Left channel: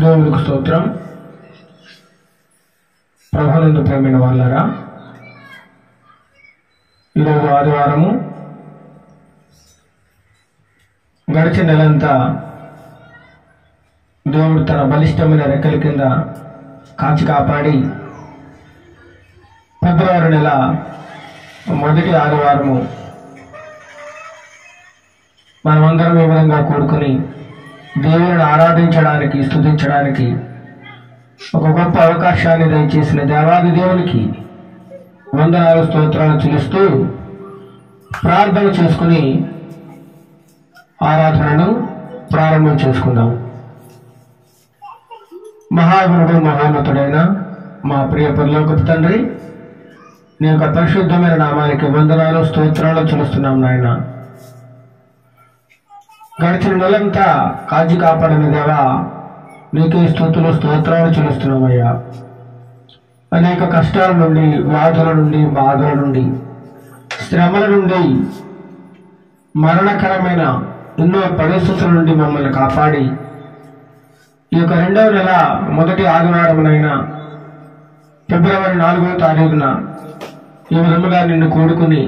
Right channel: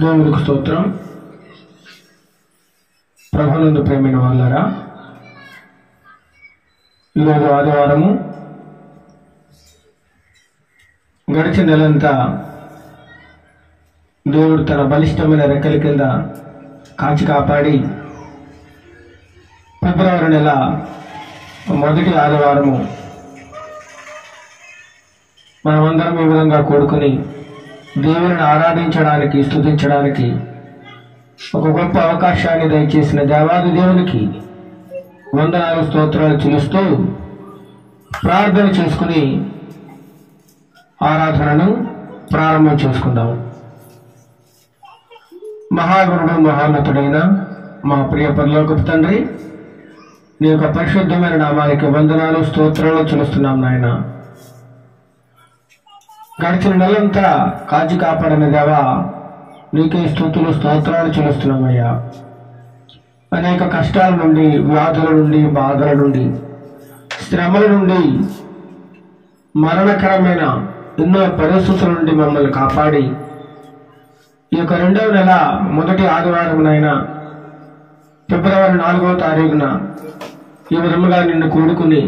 దేవునికి స్తోత్రం. ప్రభునందు ప్రేమైన వాళ్ళారా, ఈరోజు ఆదివారము. గడిచిన నెలంతా దేవుడు తన బలిష్టమైన రెక్కల కింద కాచి కాపాడి ఫిబ్రవరి నెల మొదటి ఆదివారము మనమందరం ఈ విధంగా కూడుకుని దేవుని ఆరాధించడానికి, స్తుతించడానికి ఒక గొప్ప అవకాశాన్ని దయచేసిన దేవాది దేవునికి వందనాలు, స్తోత్రాలు చెల్లిస్తూ ప్రార్థన చేసుకుని ఆరాధనను ప్రారంభం చేసుకుందాం. మహాగురుడు, మహోన్నతుడైన మా ప్రియ పరలోకపు తండ్రి, నీ యొక్క పరిశుద్ధమైన నామానికి వందనాలు, స్తోత్రాలు చెల్లిస్తున్నాం నాయన. గడిచిన నెలంతా కాచి కాపాడిన దేవా, నీకే స్తుతులు, స్తోత్రాలు చెల్లిస్తున్నామయ్యా. అనేక కష్టాల నుండి, వ్యాధుల నుండి, బాధల నుండి, శ్రమల నుండి, మరణకరమైన ఎన్నో పరిస్థితుల నుండి మమ్మల్ని కాపాడి ఈ యొక్క 2వ నెల మొదటి ఆదివారమునైనా ఫిబ్రవరి 4వ తారీఖున ఈ విధముగా నిన్ను కూడుకుని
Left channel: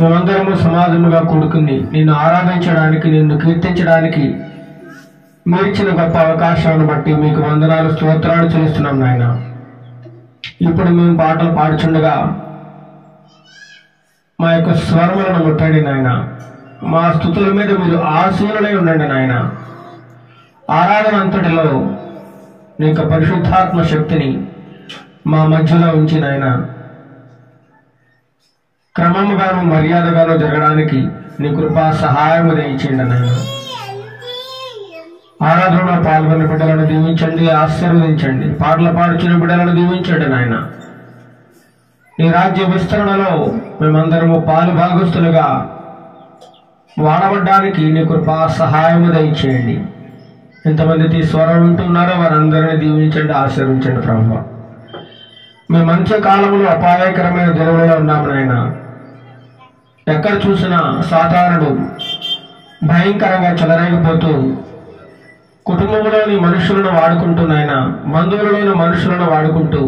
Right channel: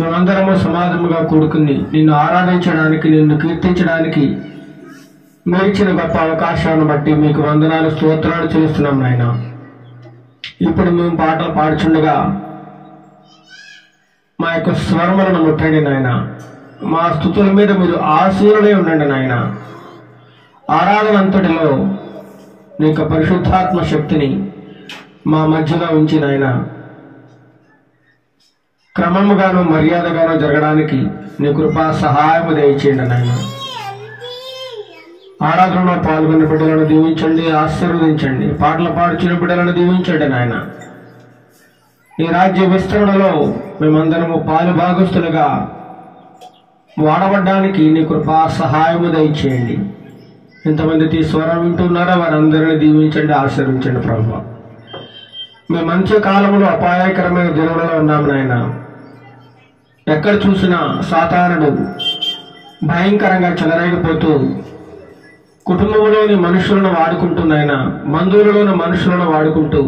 మేమందరము సమాజముగా కూడుకుని నిన్ను ఆరాధించడానికి, నిన్ను కీర్తించడానికి మీరిచ్చిన గొప్ప అవకాశాన్ని బట్టి మీకు వందనాలు, స్తోత్రాలు చెల్లిస్తున్నాం నాయన. ఇప్పుడు మేము పాటలు పాడుచుండగా మా యొక్క స్వరములను ముట్టండి నాయన. మా స్తుతుల మీద మీరు ఆసీనులై ఉండండి నాయన. ఆరాధన అంతటిలో నీ యొక్క పరిశుద్ధాత్మ శక్తిని మా మధ్యలో ఉంచి నాయన, క్రమముగాను మర్యాదగాను జరగడానికి నీ కృపా సహాయము దయచేయండి నాయన. ఆరాధనలో పాల్గొన్న బిడ్డలను దీవించండి, ఆశీర్వదించండి. పాటలు పాడుచున్న బిడ్డలను దీవించండి నాయన. ఈ రాజ్య విస్తరణలో మేమందరము పాలు భాగస్తులుగా వాడబడ్డానికి నీ కృపా సహాయము దయచేయండి. ఎంతమంది స్వరం వింటున్నారో వారందరినీ దీవించండి, ఆశీర్వించండి ప్రభువా. మేము మంచి కాలంలో అపాయకరమైన దినములలో ఉన్నాము నాయన. ఎక్కడ చూసినా సాతానుడు భయంకరంగా చెలరేగిపోతూ కుటుంబంలోని మనుషులను వాడుకుంటున్నాయన, బంధువులలోని మనుషులను వాడుకుంటూ,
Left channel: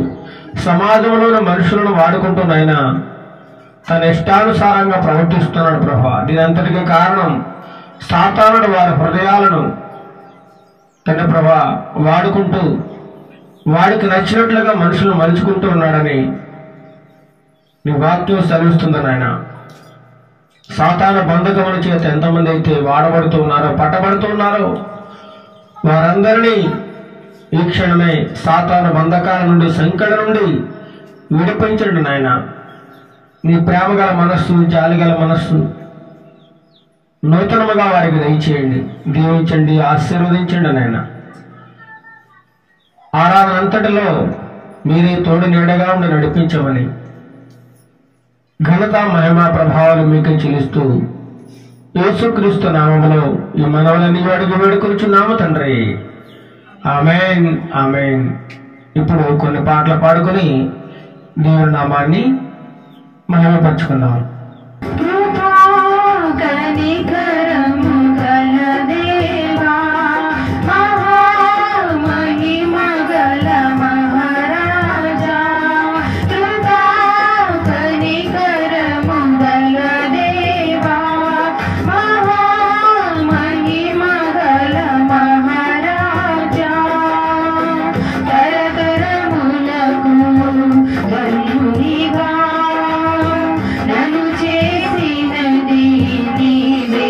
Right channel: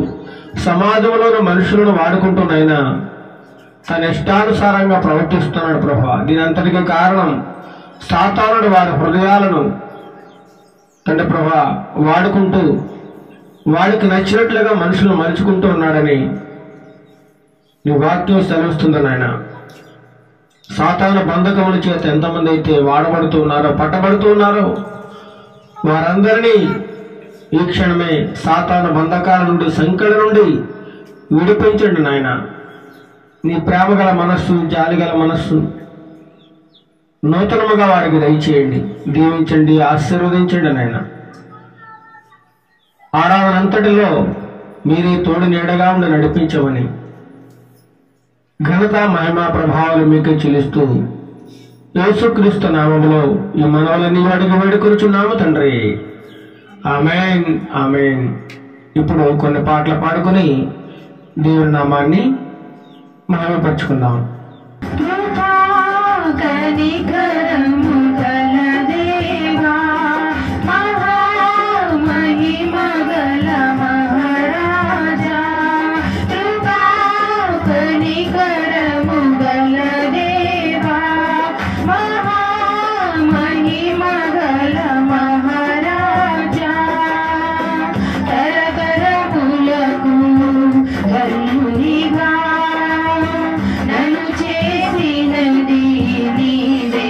సమాజంలోని మనుషులను వాడుకుంటున్నాయన తన ఇష్టానుసారంగా ప్రవర్తిస్తున్నాడు ప్రభా. దీనంతటికి కారణం సాతానుడు వారి హృదయాలను తండ్రి ప్రభా వాడుకుంటూ వాడికి నచ్చినట్లుగా మనుషులు మలుచుకుంటూ ఉన్నారని నీ వాక్యం సెలవిస్తుంది నాయన. సాతాను బంధకముల చేత ఎంతమంది అయితే వాడబడుతూ ఉన్నారో, పట్టబడుతూ ఉన్నారో వారందరినీ ఈ క్షణమే సాతాను బంధకాల నుండి, సంకట నుండి విడిపించండి నాయన. నీ ప్రేమగల మనస్సు, జాలిగల మనస్సు నూతనముగా వారికి దయచేయండి, దీవించండి, ఆశీర్వదించండి నాయన. ఆరాధన అంతటిలో మీరే తోడు నీడగా ఉండి నడిపించమని ఘనత, మహిమ, ప్రభావాలు మీకే చెల్లిస్తూ యేసుక్రీస్తు నామములో ఈ మనవులని అడుగు వేడుకొనుచున్నాము తండ్రి. ఆమేన్, ఆమేన్. ఇప్పుడు కొన్ని పాటలు పాడుకొని దేవుని నామాన్ని మహిమపరచుకుందాం. నన్ను చేసినది నీవే.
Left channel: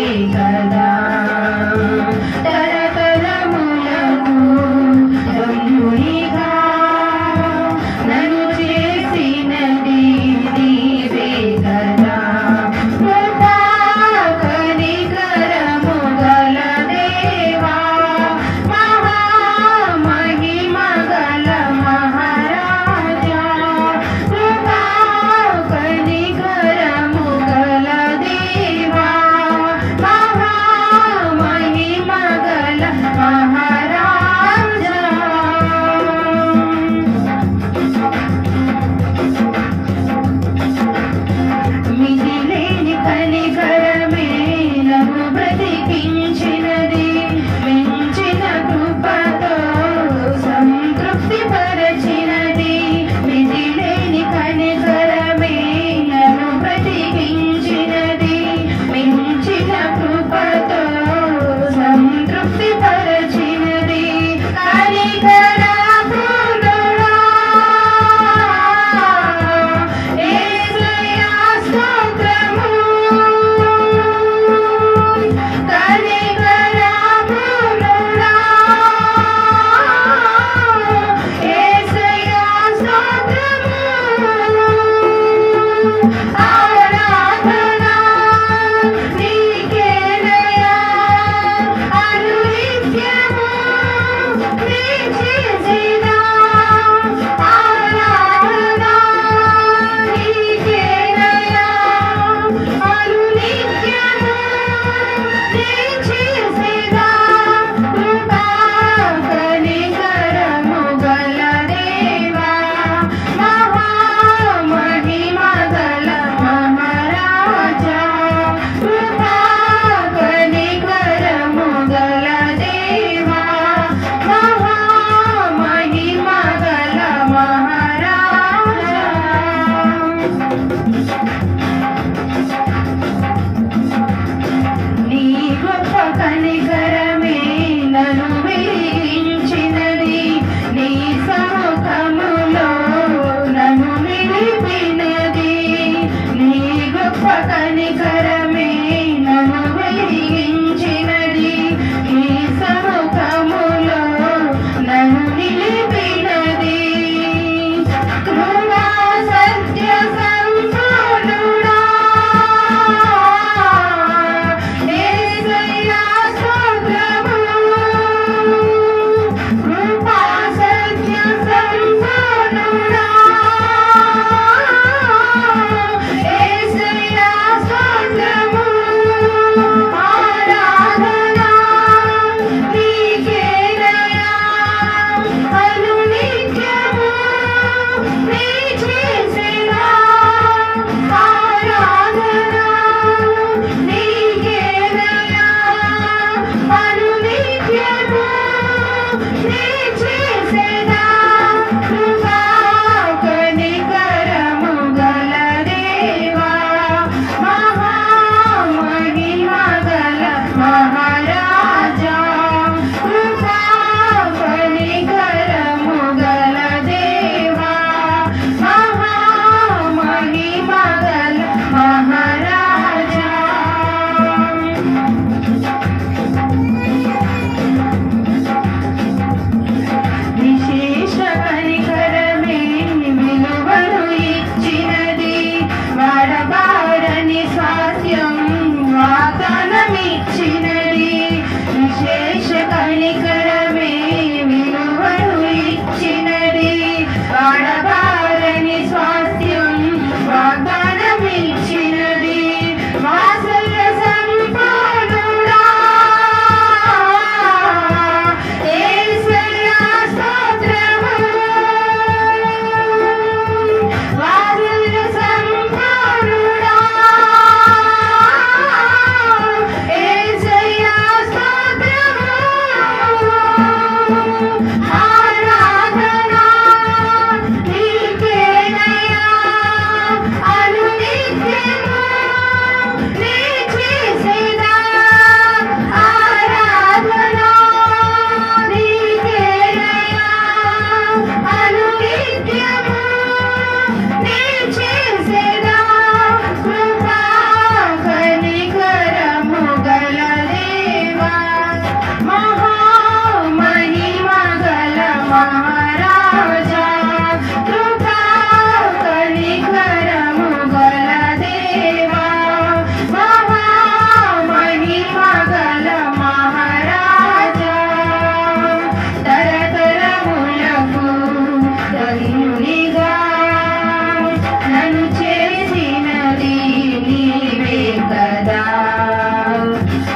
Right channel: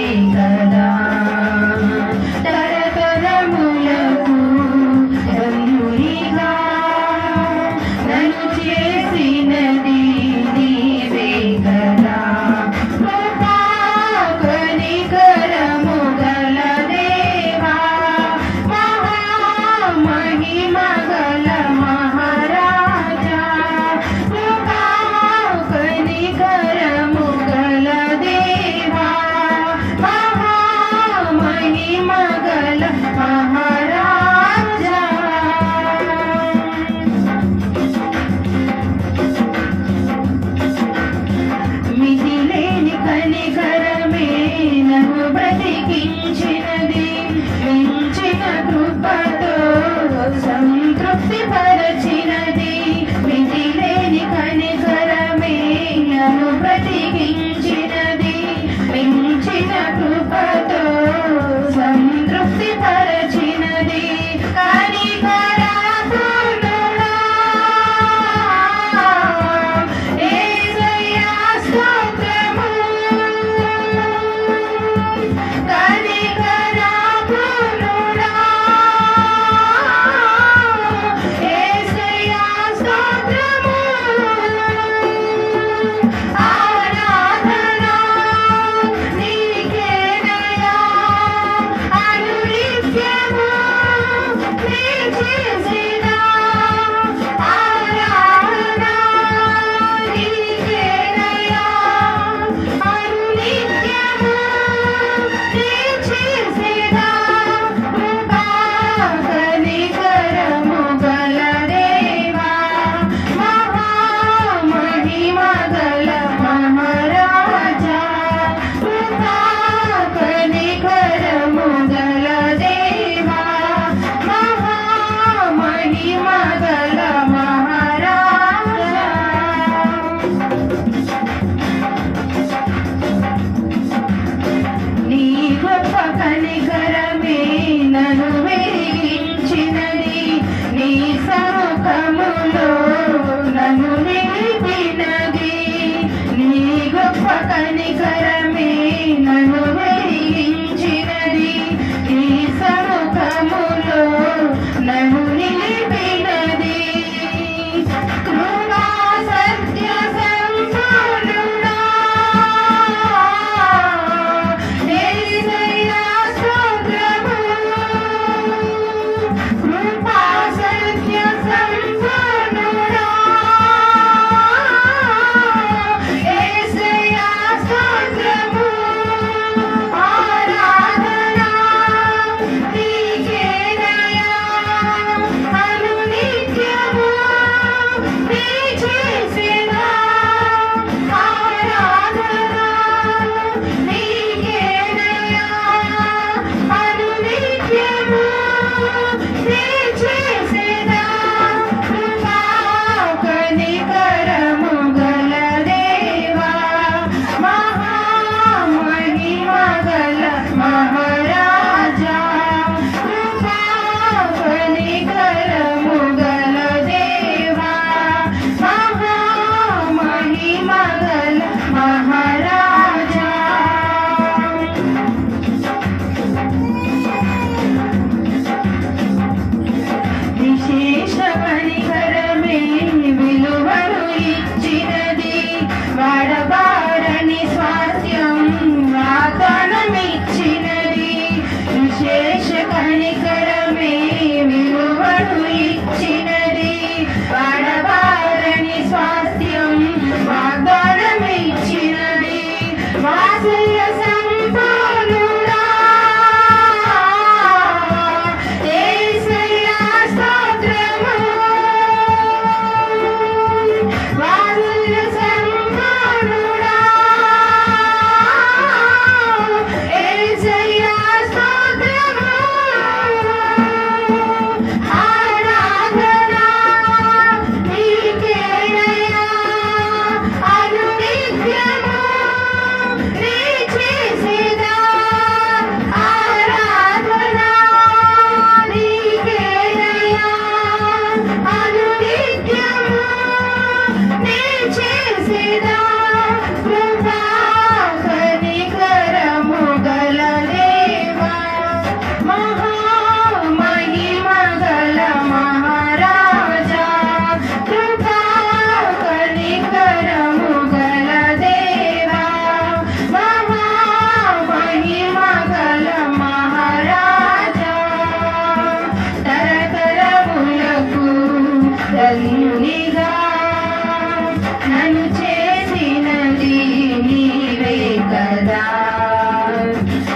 నన్ను చేసినది నీవే కదా.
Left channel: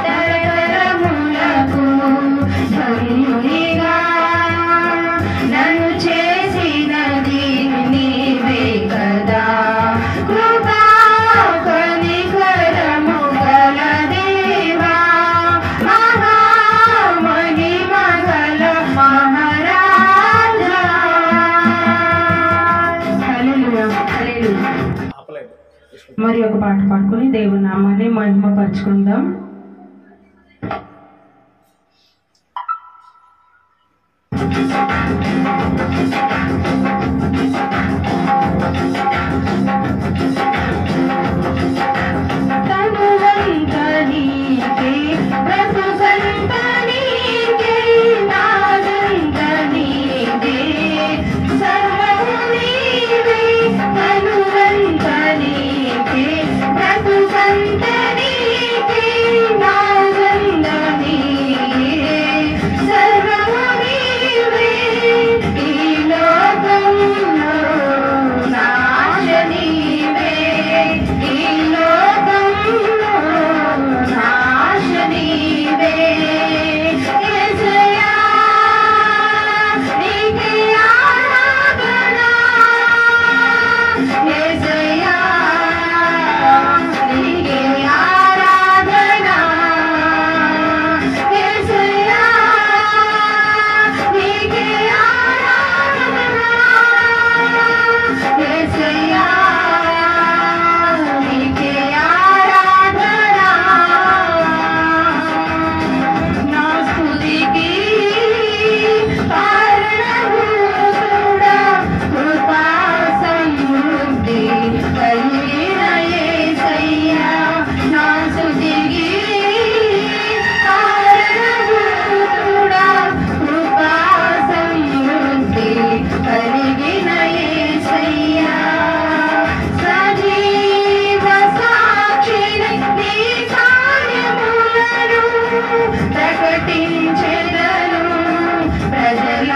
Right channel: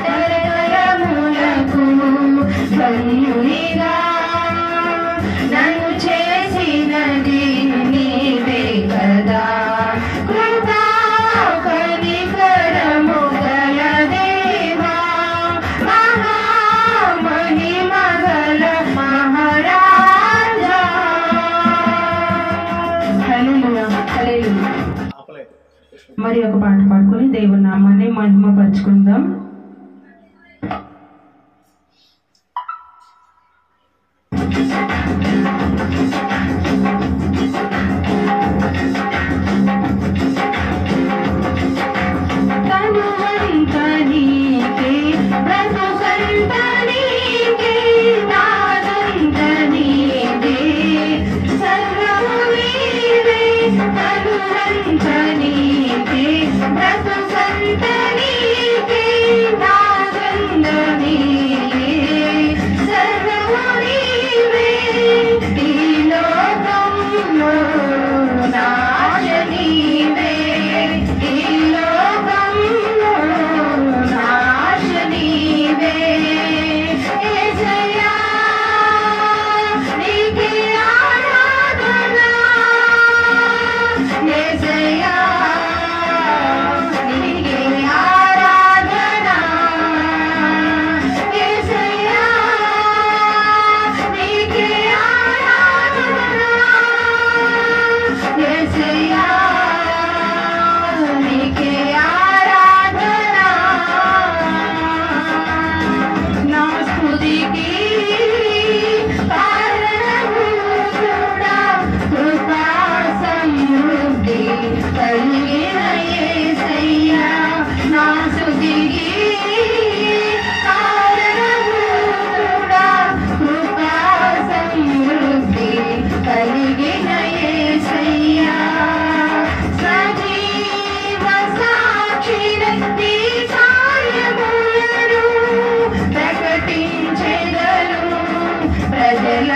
తరతరములకు ధన్యునిగా నన్ను చేసినది నీవే కదా. కృపా కనికరము గల దేవా, మహామహిమ గల మహారాజా. హల్లెలూయా, హల్లెలూయా. మరి ఒక పాట పాడుకొని దేవుని నామాన్ని మహిమపరచుకుందాం.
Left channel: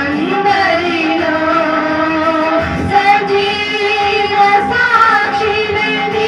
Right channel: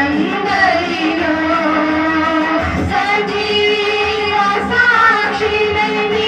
ప్రజలందరిలో సజీవ సాక్షిని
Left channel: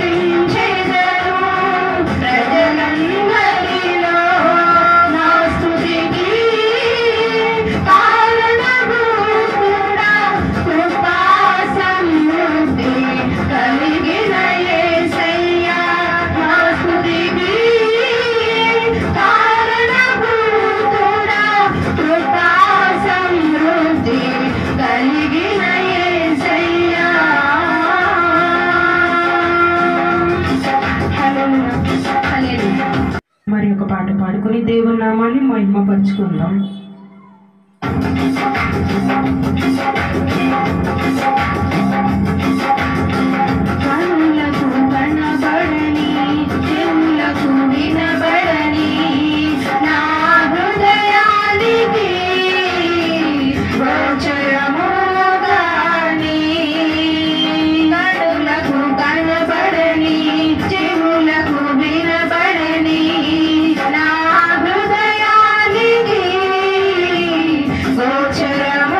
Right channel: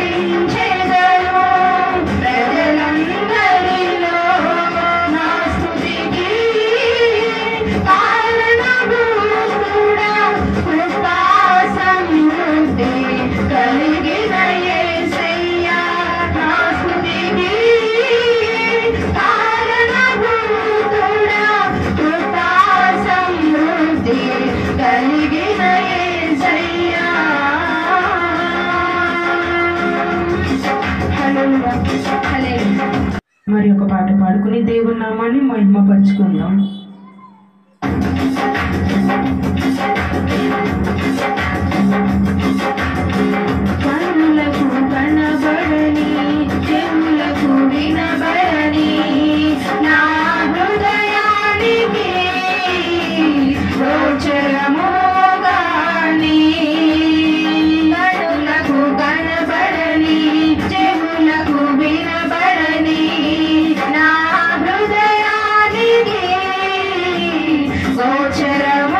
ప్రకటించెదను ప్రజలందరిలో నా స్తుతికి కారణభూతుడా కృపా సమృద్ధి కలిగిన యేసయ్యా నా స్తుతికి కారణభూతుడా కృపా సమృద్ధి కలిగిన యేసయ్యా. హల్లెలూయా హల్లెలూయా. మరి ఒక పాట పాడుకుని దేవుని నామాన్ని మహిమపరుచుకుందాం. కన్నులకు కనబడని చెవులకు వినబడని నా హృదయానికి గోచరముగాని కన్నులకు కనబడని చెవులకు వినబడని నా హృదయానికి గోచరముగాని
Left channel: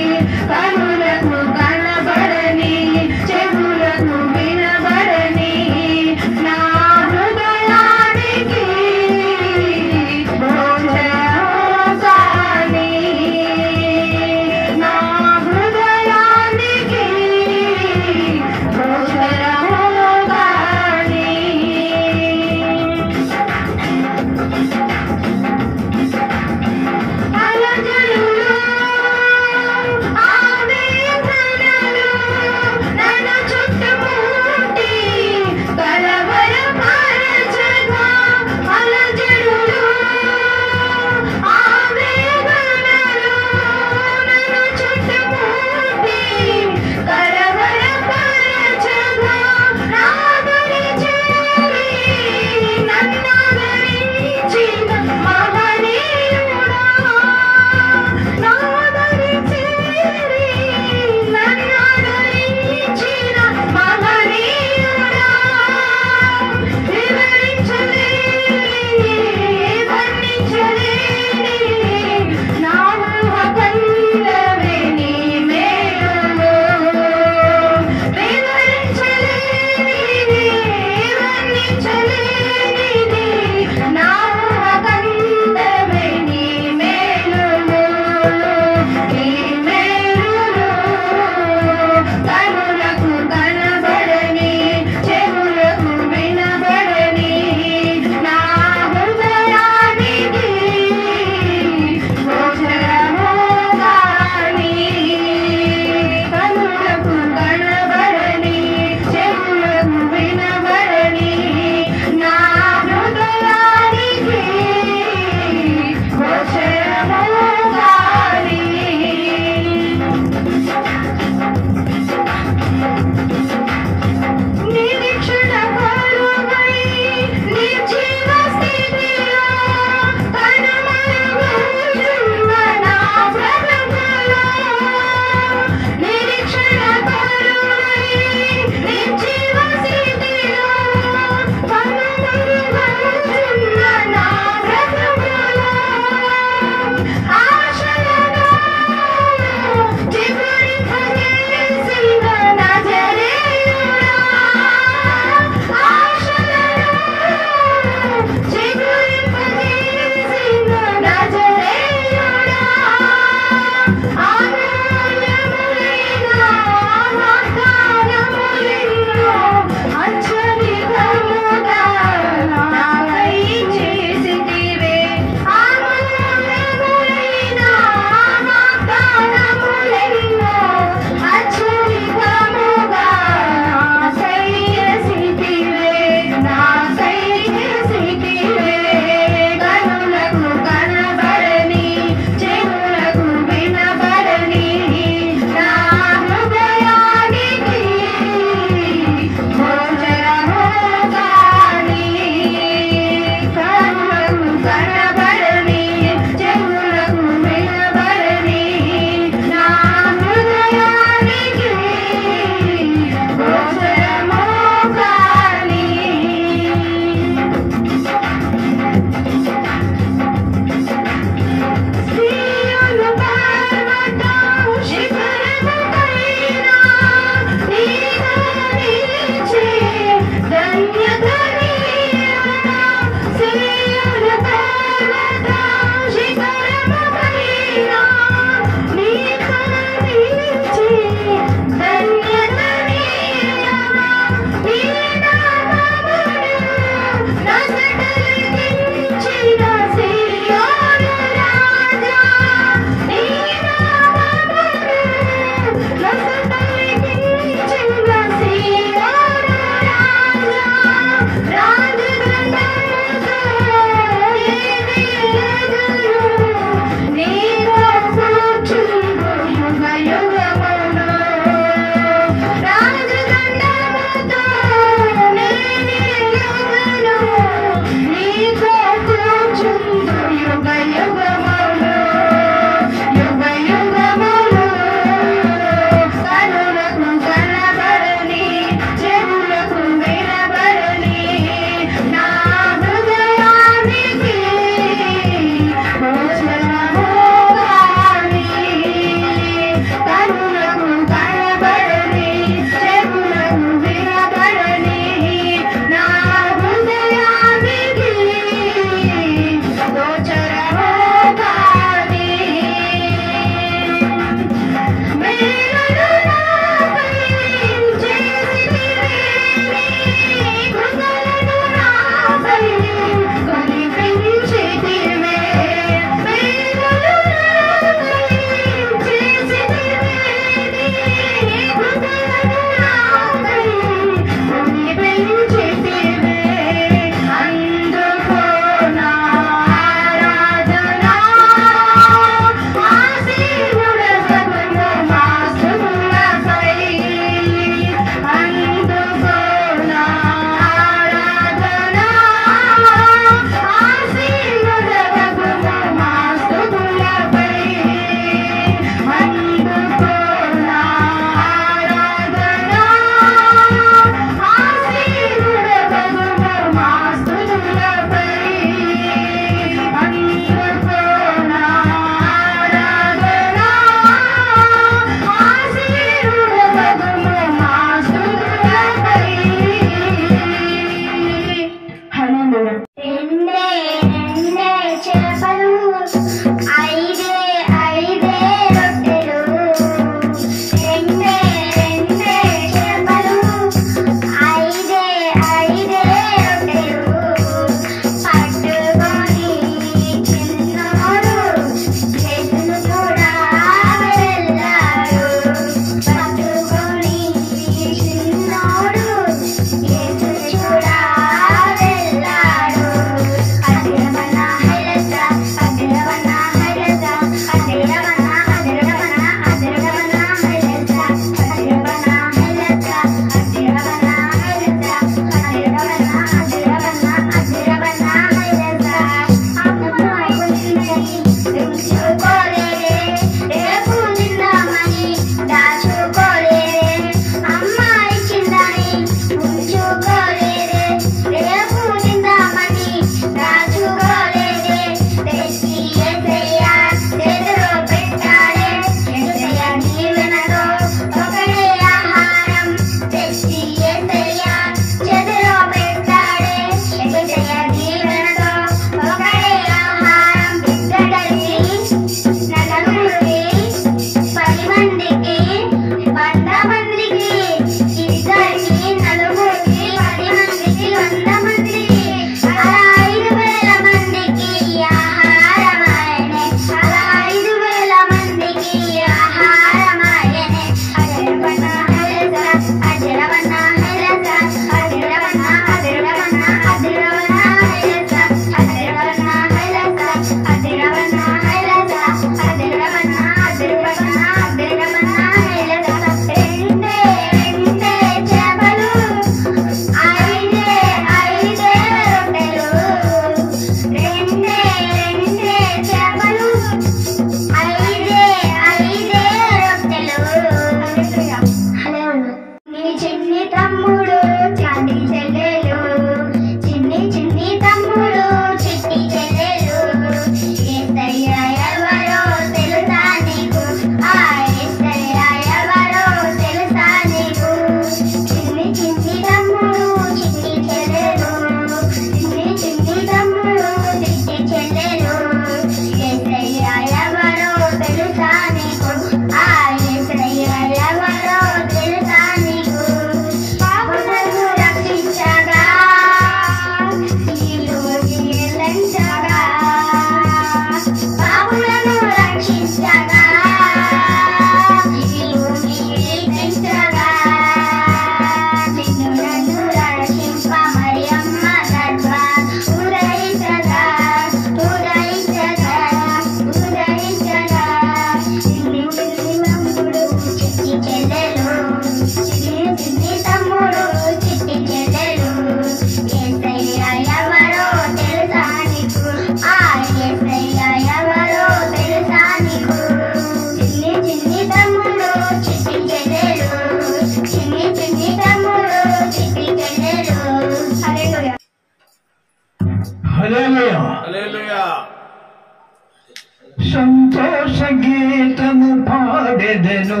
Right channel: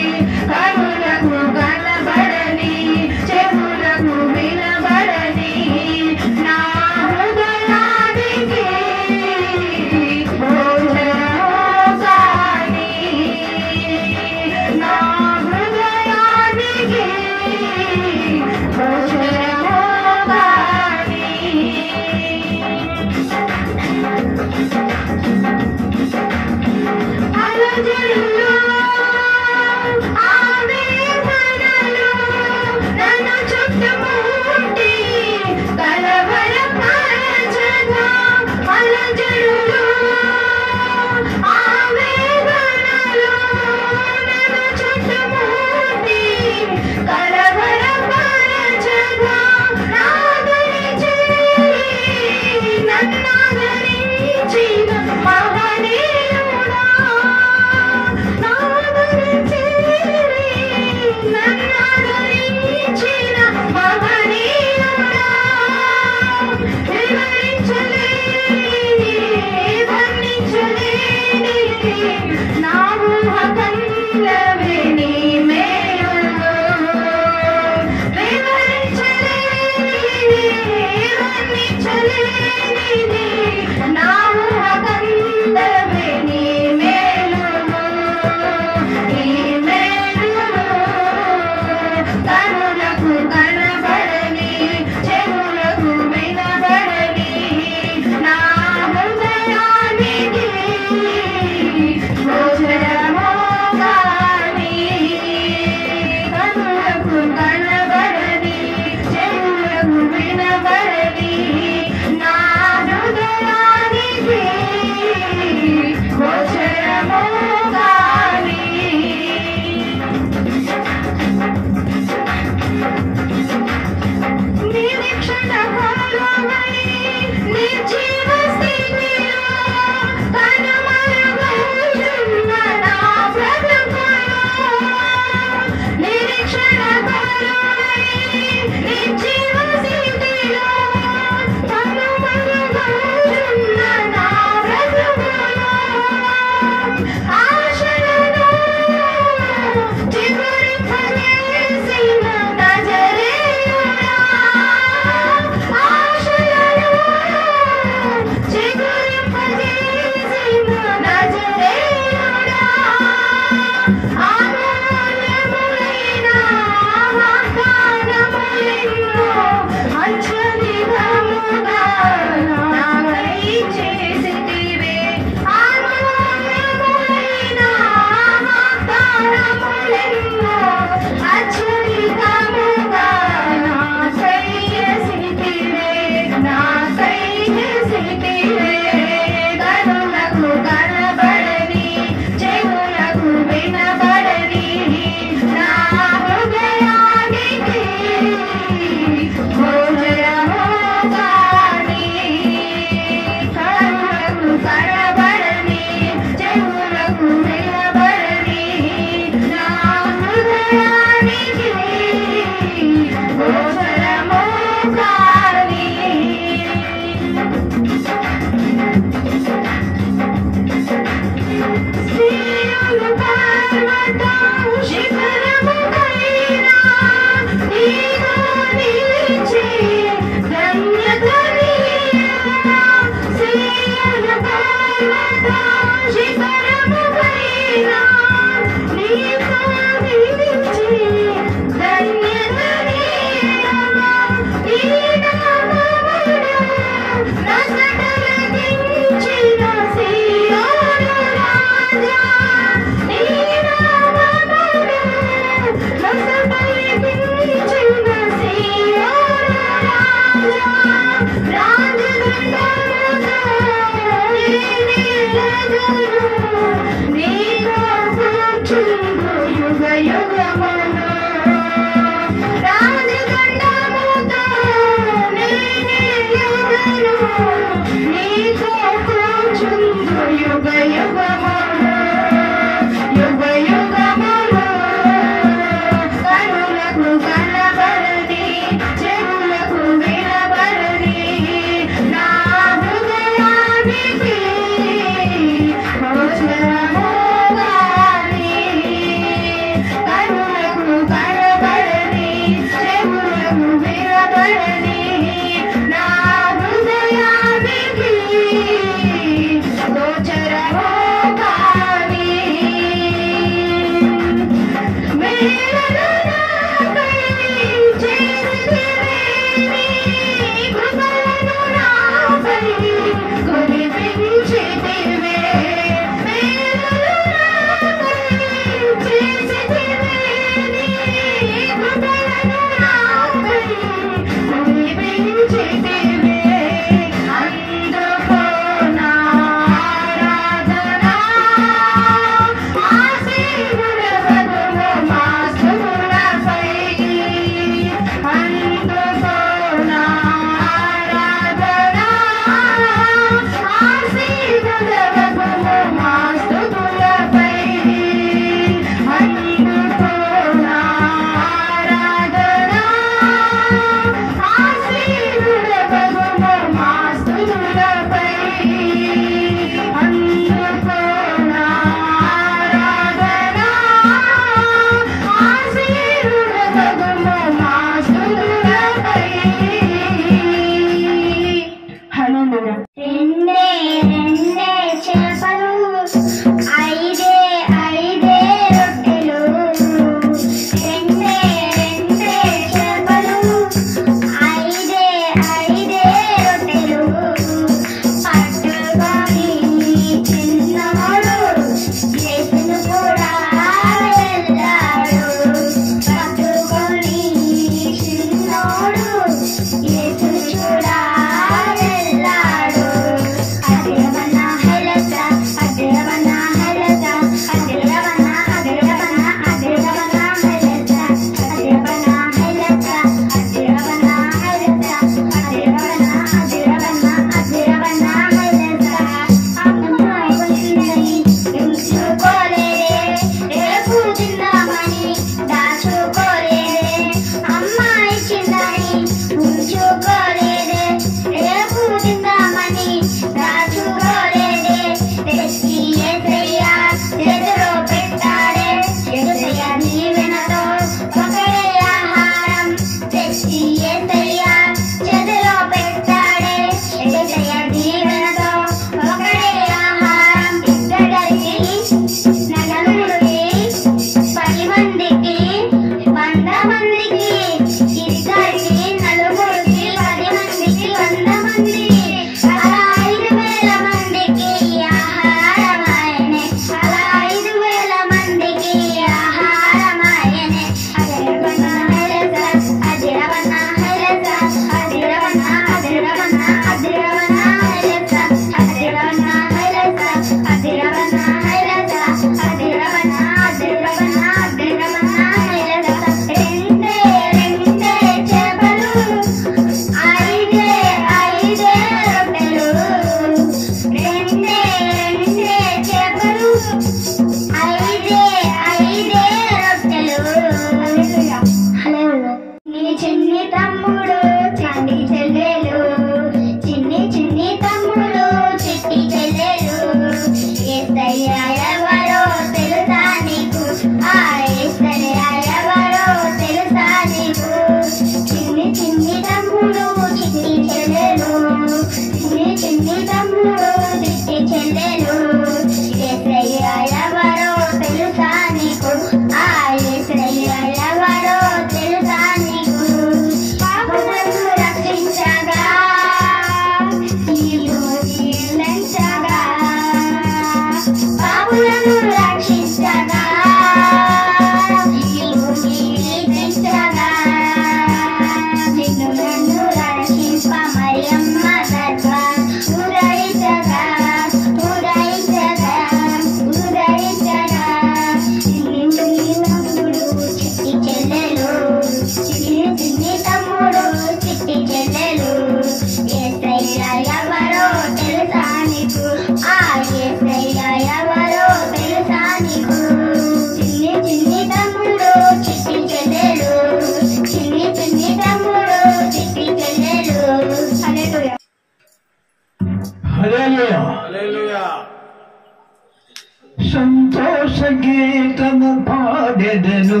సంతోష గీతము పాడెదను,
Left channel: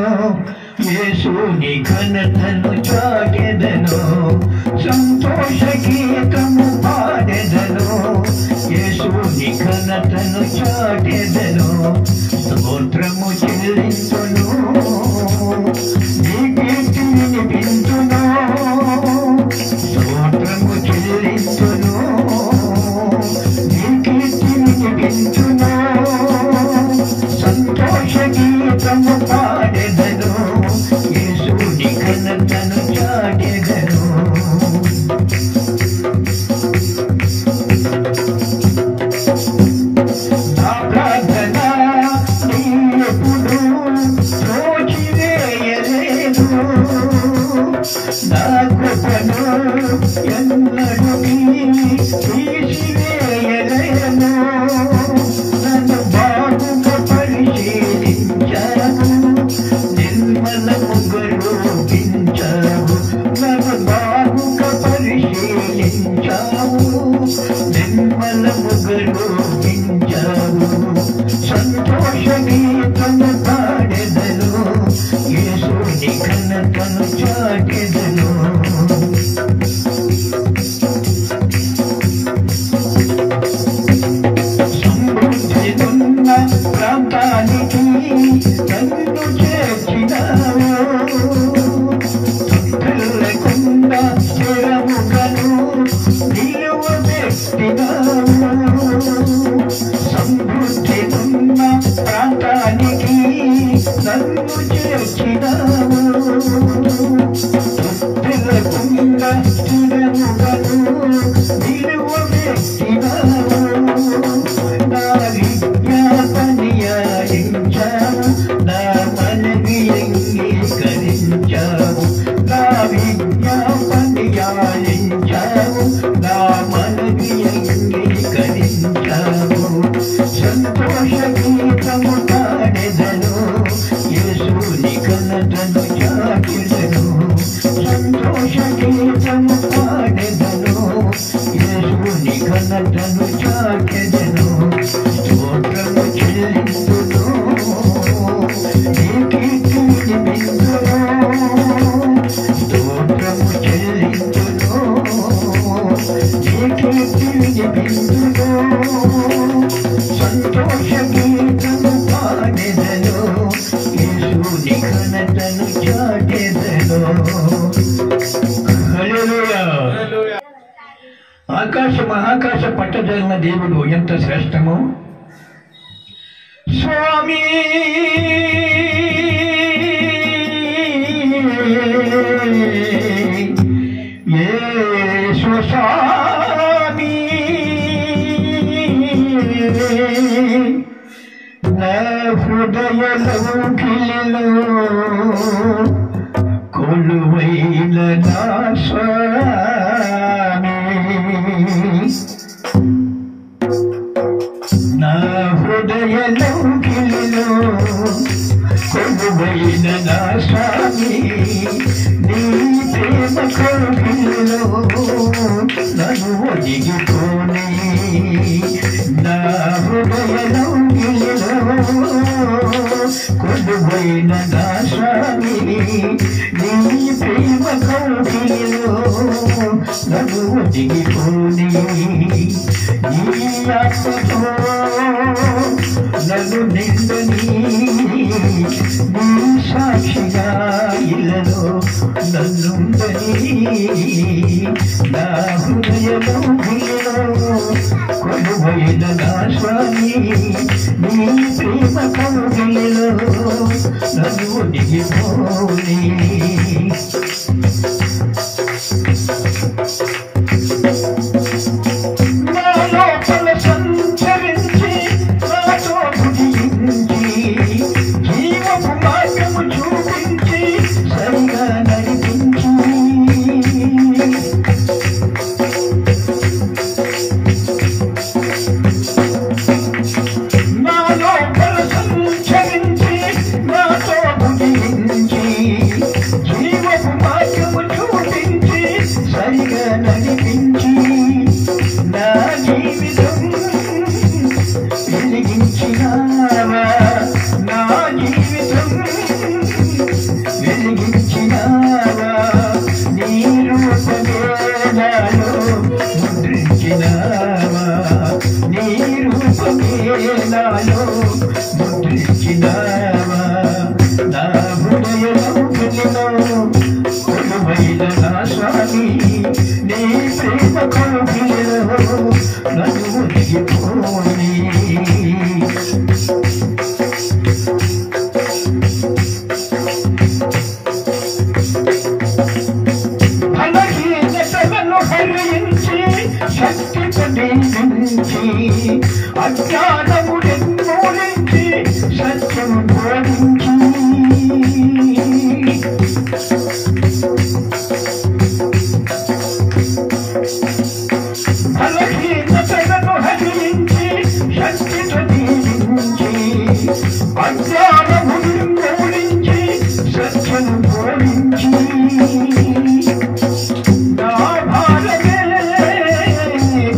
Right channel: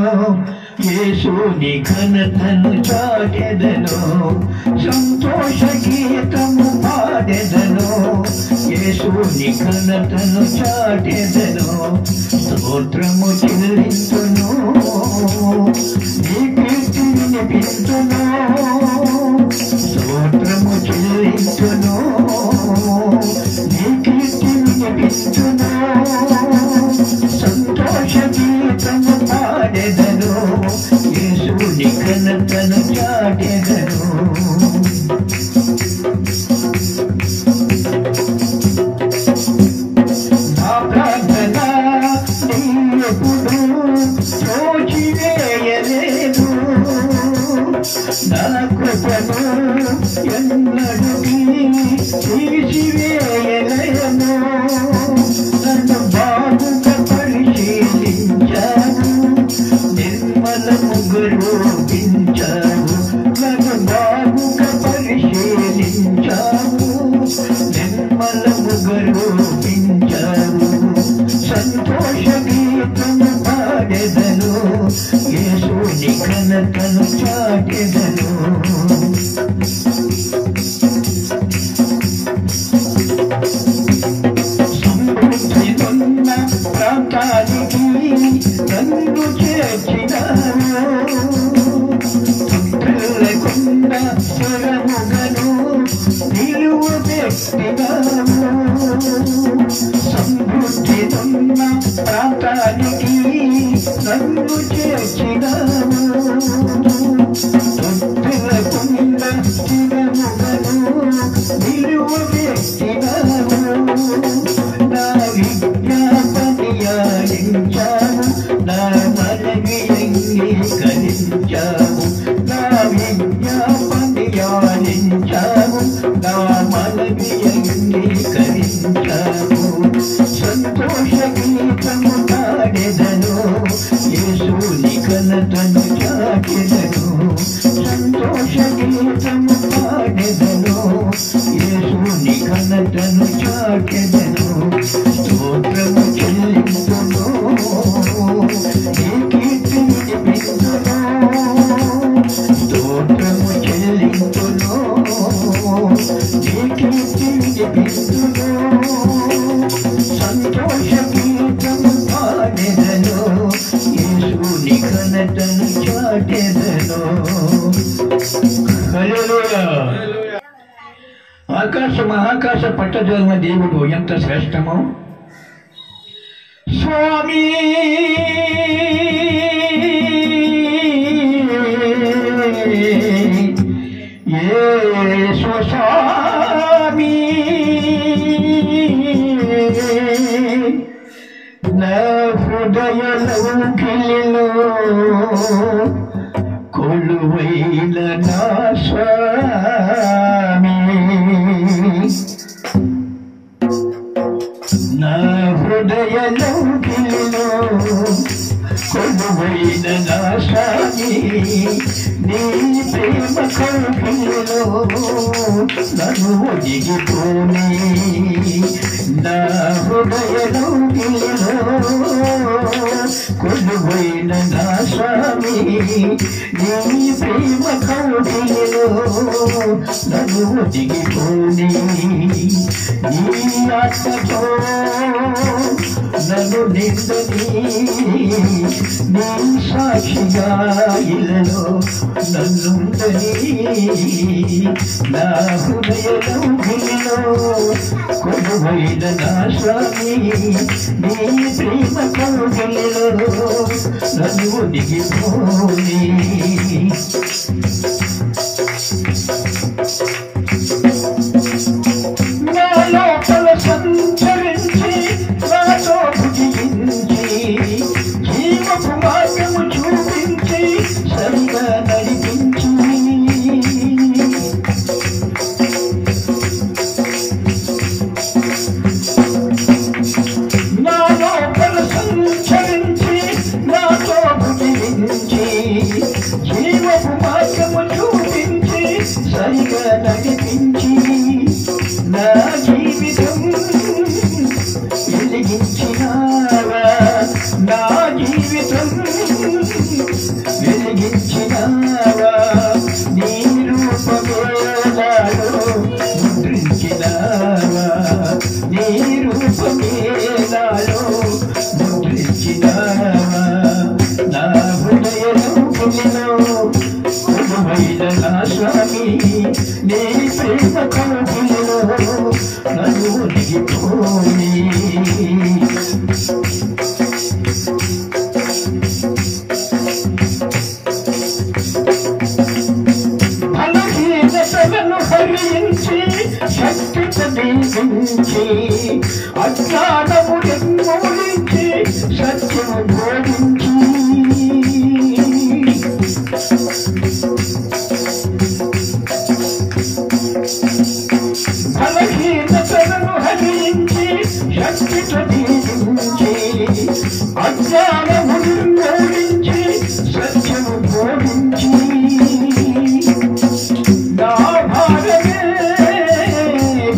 యేసుని ఘనతను చాటెదను. సంతోష గీతము పాడెదను, యేసుని ఘనతను చాటెదను. స్తోత్రము చెల్లించును, నీ కీర్తి వినిపించును. స్తోత్రము చెల్లించును, నీ కీర్తి వినిపించును. సంతోష గీతము పాడెదను, యేసుని ఘనతను చాటెదను. నా ప్రార్థన నీ ఎప్పుడు త్రోసివేయలేదు, నా కృపను ఎన్నడూ తీసివేయలేను. నన్ను బాగుగా పరిశీలించావు, నిర్మలముగా రూపించావు. నన్ను బాగుగా పరిశీలించావు, నిర్మలముగా రూపించావు. సంతోష గీతము పాడెదను, యేసుని ఘనతను చాటెదను. సమృద్ధినున్న ప్రాంతానికి నన్ను చేర్చినావు, తొట్టెల్లకుండా స్థిరముగను నిలువబెట్టినావు. సమృద్ధినున్న ప్రాంతానికి నన్ను చేర్చినావు, తొట్టెల్ల ఆకాశ మహాకాశ పట్టజల దేవుడు ఎంత శ్రేష్టమో స్వామి స్వామి నా హృదయ లౌకిలో కొలువైన నా స్వామి నా హృదయ లౌకిలో కొలువైన నా స్వామి నీ ప్రేమ కౌగిలిలో నన్ను ఒదిగిపోని నా హృదయ లౌకిలో కొలువైన నా స్వామి నీ ప్రేమ కౌగిలిలో నన్ను ఒదిగిపోని నీ ఆత్మతో నన్ను నిందని నీ సాక్షిగా ఇల్లలో నన్నుందని నా హృదయలో కొలువైన నా స్వామి నీ ప్రేమ కౌగిలిలో నన్ను ఒదిగిపోని నడిపించి నా జీవితం వెలిగించినావా నా జీవితం వెలిగించినావా నీ రూపమే నాలో ముద్రించినావా నీ రూపమే నాలో ముద్రించినావా నా హృదయంలో కొలువైన నా స్వామి నీ ప్రేమ కౌగిలిలో నన్ను ఒదిగిపోని బలహీనతలను హరించి శక్తితో దీవించి అజ్ఞానము నిర్మూలించి సత్యము బోధించి బలహీనతలను హరించి శక్తితో దీవించి అజ్ఞానము నిర్మూలించి సత్యము బోధించి నా భారమే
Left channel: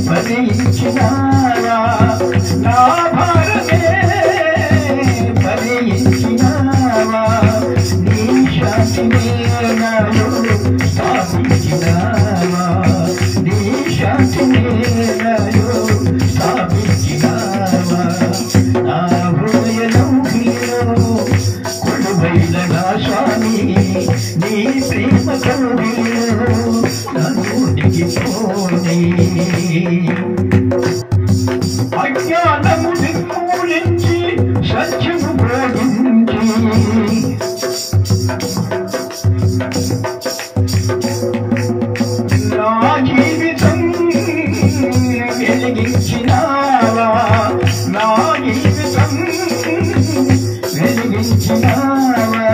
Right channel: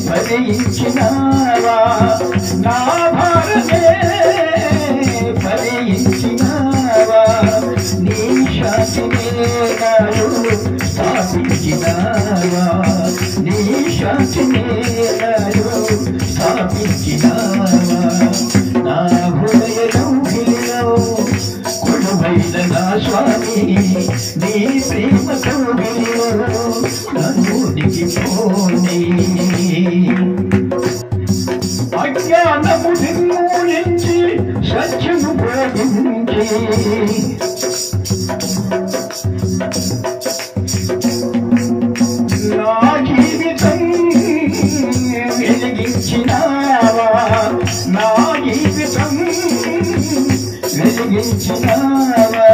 ఫలించినావా నా భారమే ఫలించినావా నీ శాంతినే నాలో స్థాపించినావా నీ శాంతినే నాలో స్థాపించినావా నా హృదయంలో కొలువైన నా స్వామి నీ ప్రేమ కౌగిలిలో నన్ను ఒదిగిపోని అజ్ఞానము నిర్మూలించి సత్యము బోధించి నా జీవితం వెలిగించినావా నా జీవితం వెలిగించినావా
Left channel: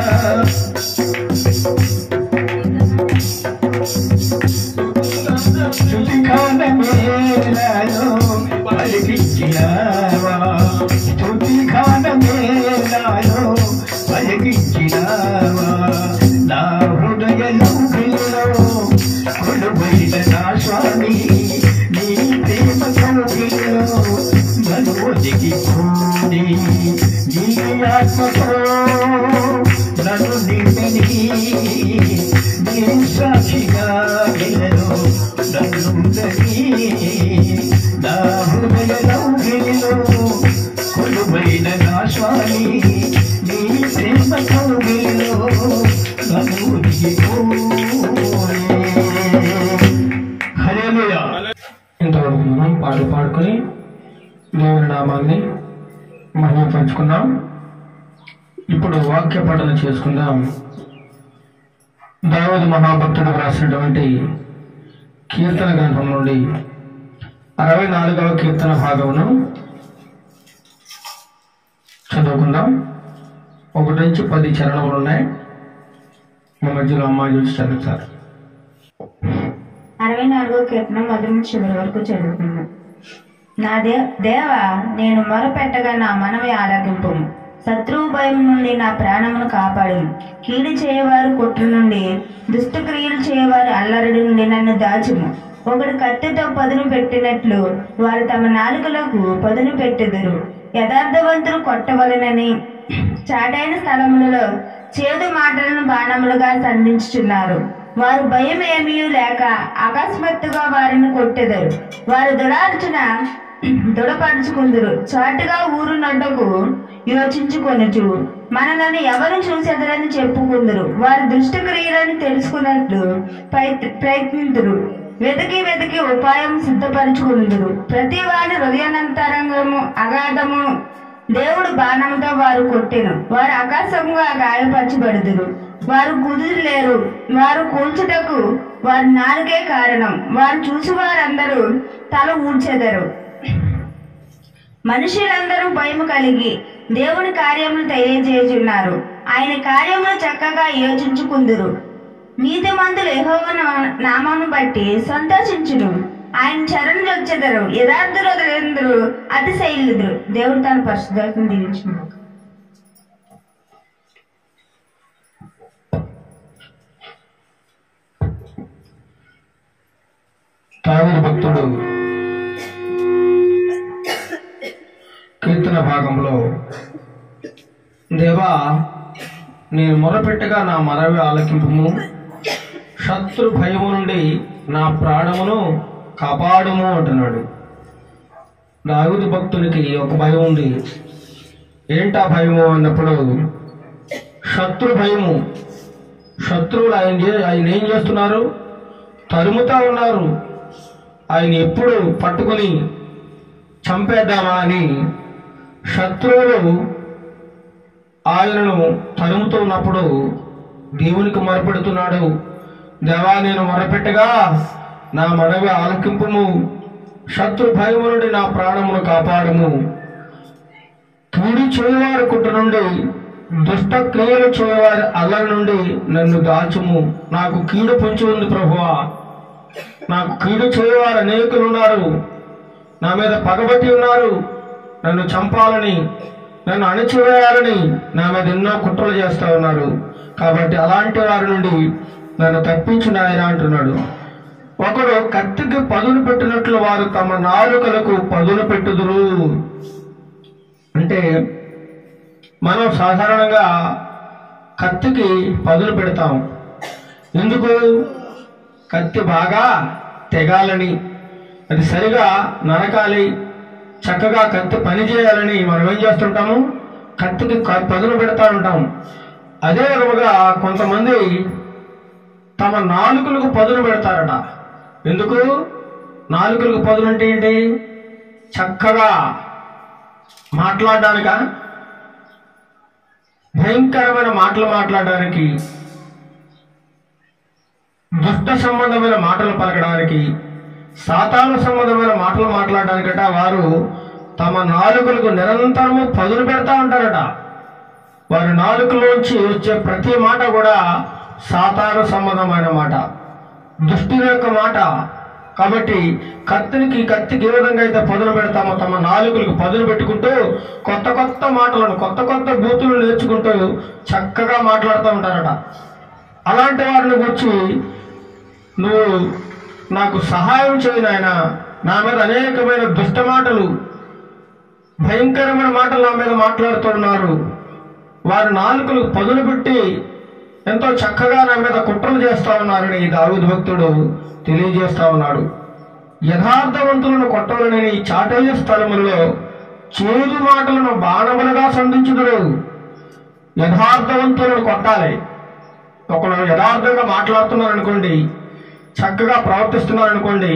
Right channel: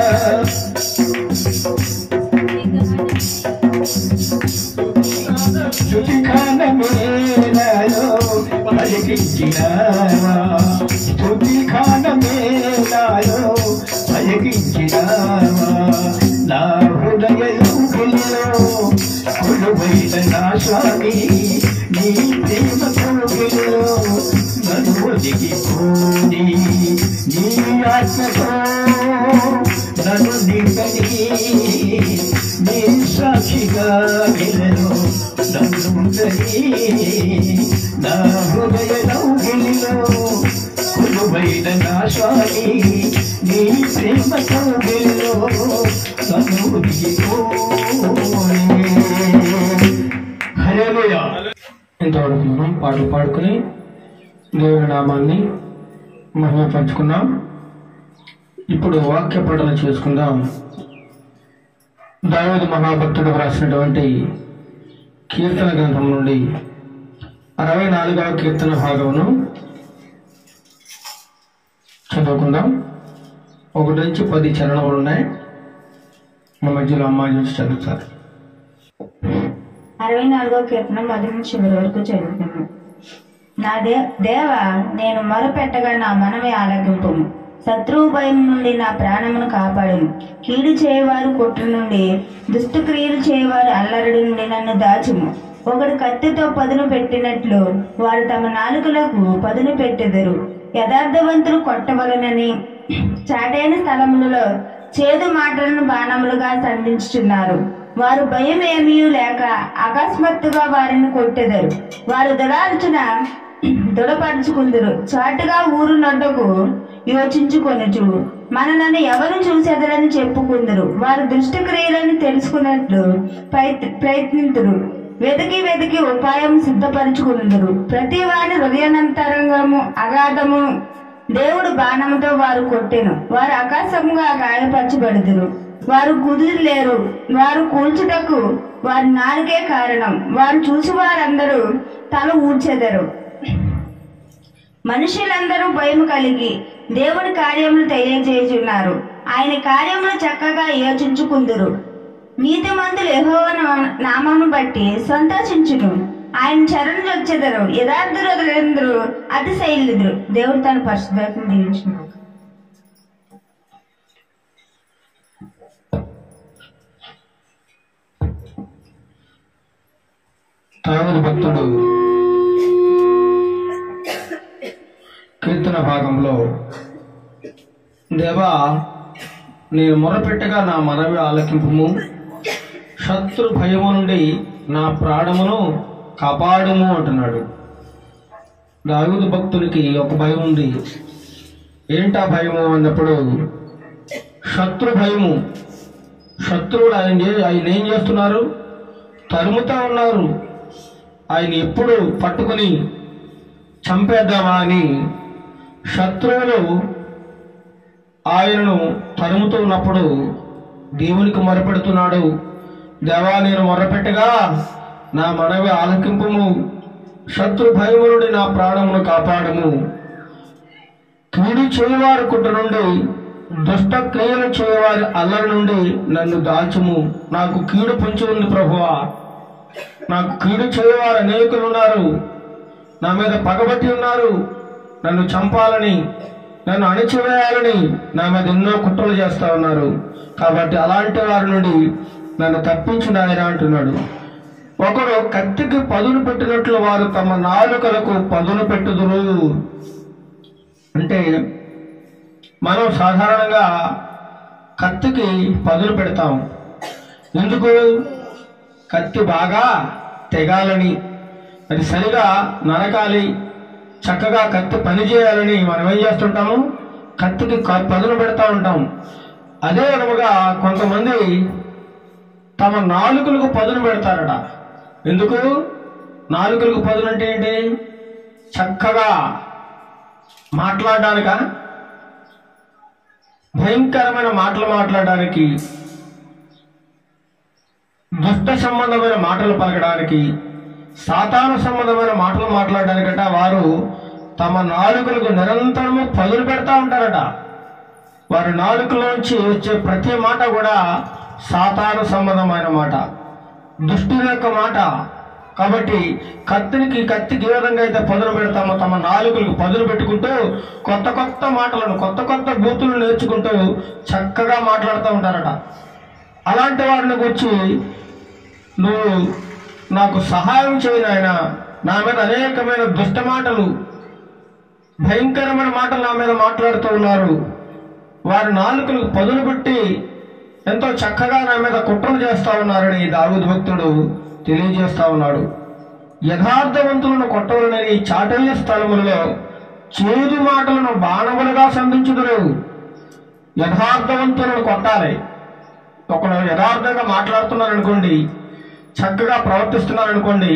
స్తుతిగానమే నాలో పలికించినావా స్తుతిగానమే నాలో పలికించినావా నా హృదయంలో కొలువైన నా స్వామి నీ ప్రేమ కౌగిలిలో నన్ను ఒదిగిపోని నీ ఆత్మతో నన్ను నిండని నీ సాక్షిగా ఇల్లలో నన్నుండని నా హృదయంలో కొలువైన నా స్వామి నీ ప్రేమ కౌగిలిలో నన్ను ఒదిగిపోని. హల్లెలూయా. మనం పాటలు పాడుకొని దేవుని నామాన్ని మహిమపరుచుకుందాం. ఇప్పుడు వాక్య పఠన చేసుకుందాం. దావీదు మహాభక్తుడు రాసినటువంటి కీర్తన గ్రంథం నుండి 64వ కీర్తన భాగమును చదువుకుందాం. 1 నుంచి 10 చరణములు ఉన్నాయి. మా మధ్యలో అమ్మాయి చూసి చదువుతారు. 64వ కీర్తన 1 నుంచి 10 వరకు చదువుకున్నాం. నా దేవా, నేను మొరపెట్టగా నా మనవి ఆలకింపుము. శత్రువు భయం నుండి నా ప్రాణమును కాపాడుము. కీడు చేయవారు కుట్ర నుండి, దుష్టక్రియలు చేయవారు అల్లరి నుండి నన్ను దాచుము. ఒకడు కత్తితో పదును పెట్టినట్లు వారు తమ నాలుకలకు పదును పెట్టెదరు. యథార్థవంతులు కొట్టవలనని చాటైన స్థలములలో చేదు మాటలను బాణములుగా సంధించుచున్నారు. వారు భయం ఏమీ లేక అకస్మాత్తుగా వారిని కొట్టెదరు. వారు దురార్చన దృఢపరుచుకుందరు. చాటుగా ఊరు నడ్డకు యోచించుకొనుచు మనలను ఎవరు చూసేదరని చెప్పుకుందరు. వారు దుష్టక్రియలను తెలుసుకున్నట్లు ప్రయత్నింతురు. వెతికి వెతికి ఉపాయం సిద్ధపరుచుకుందరు. ప్రతి వారి హృదయానంతరంగము అగాధము దేవుడు బాణంతో వారు కొట్టెను. వారు ఆకాశముగా గాయపరచబడుదురు. వారు కుదురులేరు. వారు కూల్చుటకు వారి నాలుగే కారణం. వారు చూసి వారందరూ తల ఊడ్చెదరు. మనుషులందరూ భయము కలిగి దేవుని కార్యములు తెలియజేయుచున్నారు. ఆయన కార్యములు చక్కగా యోచించుకుందురు. నీతిమంతులు యెహోవా నామమును బట్టి సంతోషించును. ఆయన చరణులు వచ్చెదరు. యథార్థులందరూ అతిశయిల్లుదురు. దేవుడు తన పరిశుద్ధాత్మను దీవించును. దావీదు భక్తుడు కీర్తన భాగంలో, దేవా, నేను మొరపెట్టగా నా మనవి ఆలకింపుము. శత్రు భయము నుండి నా ప్రాణమును కాపాడుము అంటున్నాడు. దావీదు భక్తుడికి ఒక భయం ఉంది. ఏంటా భయము అన్నప్పుడు, శత్రు భయము. శత్రువులు ఆయన ఏం చేస్తున్నారు? తరుముతా ఉన్నారు. ఆయన ఎప్పుడు పట్టుకొని చంపేద్దామా అని శత్రువులు ఆయనను తరుముతూ ఉన్నప్పుడు దేవునికి మొరపెడుతున్నాడు. దేవా, నేను మొరపెట్టగా నా మనవి ఆలకింపుము. శత్రు భయము నుండి నా ప్రాణమును కాపాడము. కీడు చేయవారి కుట్ర నుండి, దుష్ట క్రియలు చేయవారి అల్లరి నుండి నన్ను దాచుము. నాకు కీడు పొంచి ఉంది ప్రభువా. నాకు కీడు చేయవారు అనేకులు ఉన్నారు. నా మీద పగబట్టి ఉన్నారు. నన్ను చంపాలని, నన్ను అణచివేయాలని నా మీద ఎన్నో కుట్రలు చేస్తా ఉన్నారు. కాబట్టి అలాంటి వారి నుండి నన్ను తప్పించు నాయనా అంటున్నాడు. ఒకడు కత్తికి పదును పెట్టినట్లు వారు తమ నాలుకలకు పదును పెట్టుదురు. అంటే మనం సాధారణంగా కత్తికి పదును పెడతాం. ఎందుకు? కత్తి బాగా తెగాలని, అది సరిగా నరకాలి, చక్కగా కత్తి పని చేయాలని మనం ఏం చేస్తుంటాము? కత్తికి పదును పెడతా ఉంటాం. అదే విధముగా కొంతమంది తమ నాలుకలకు పదును పెడతారట. ఎందుకు? నాలుకలకు పదును అంటే ఏంటి? చక్కగా మాట్లాడడానిక? భయంకరమైన మాటలు మాట్లాడడానికి, దుష్ట సంబంధమైన మాటలు పలకడానికి, సాతాను సంబంధమైన మాటలు మాట్లాడడానికట వారు తమ నాలుకలకు నిరంతరము పదులు పెడతా ఉంటారట. వారి నాలుకలోంచి వచ్చే ప్రతి మాట కూడా సాతాను సంబంధమైన మాట, దుష్టుని యొక్క మాట. కాబట్టి కత్తికి ఏ విధంగా అయితే పదులు పెడతామో తమ నాలుకలకు పదులు పెట్టుకుంటూ కొత్త కొత్త మాటలను, కొత్త కొత్త బూతులు నేర్చుకుంటూ చక్కగా మాట్లాడుతూ ఉంటారట. అలాంటి వారిని గురించి, నువ్వు నాకు సహాయం చేయి నాయనా, నా మీద అనేకమైన దుష్ట మాటలు, భయంకరమైన మాటలు నా మీద మాట్లాడుతూ ఉన్నారు. వారి నాలుకలకు పదులు పెట్టి ఎంతో చక్కగా నా మీద కుట్రలు చేస్తా ఉన్నారని దావీదు భక్తుడు తెలియజేస్తా ఉన్నాడు. యథార్థవంతులను కొట్టవలనని చాటైన స్థలములలో చేదు మాటలను బాణములుగా సంధించుదురు. యథార్థవంతులను కొట్టాలి. ఒకడు యథార్థంగా మాట్లాడుతున్నారనుకోండి, చక్కగా ప్రవర్తిస్తున్నారనుకోండి,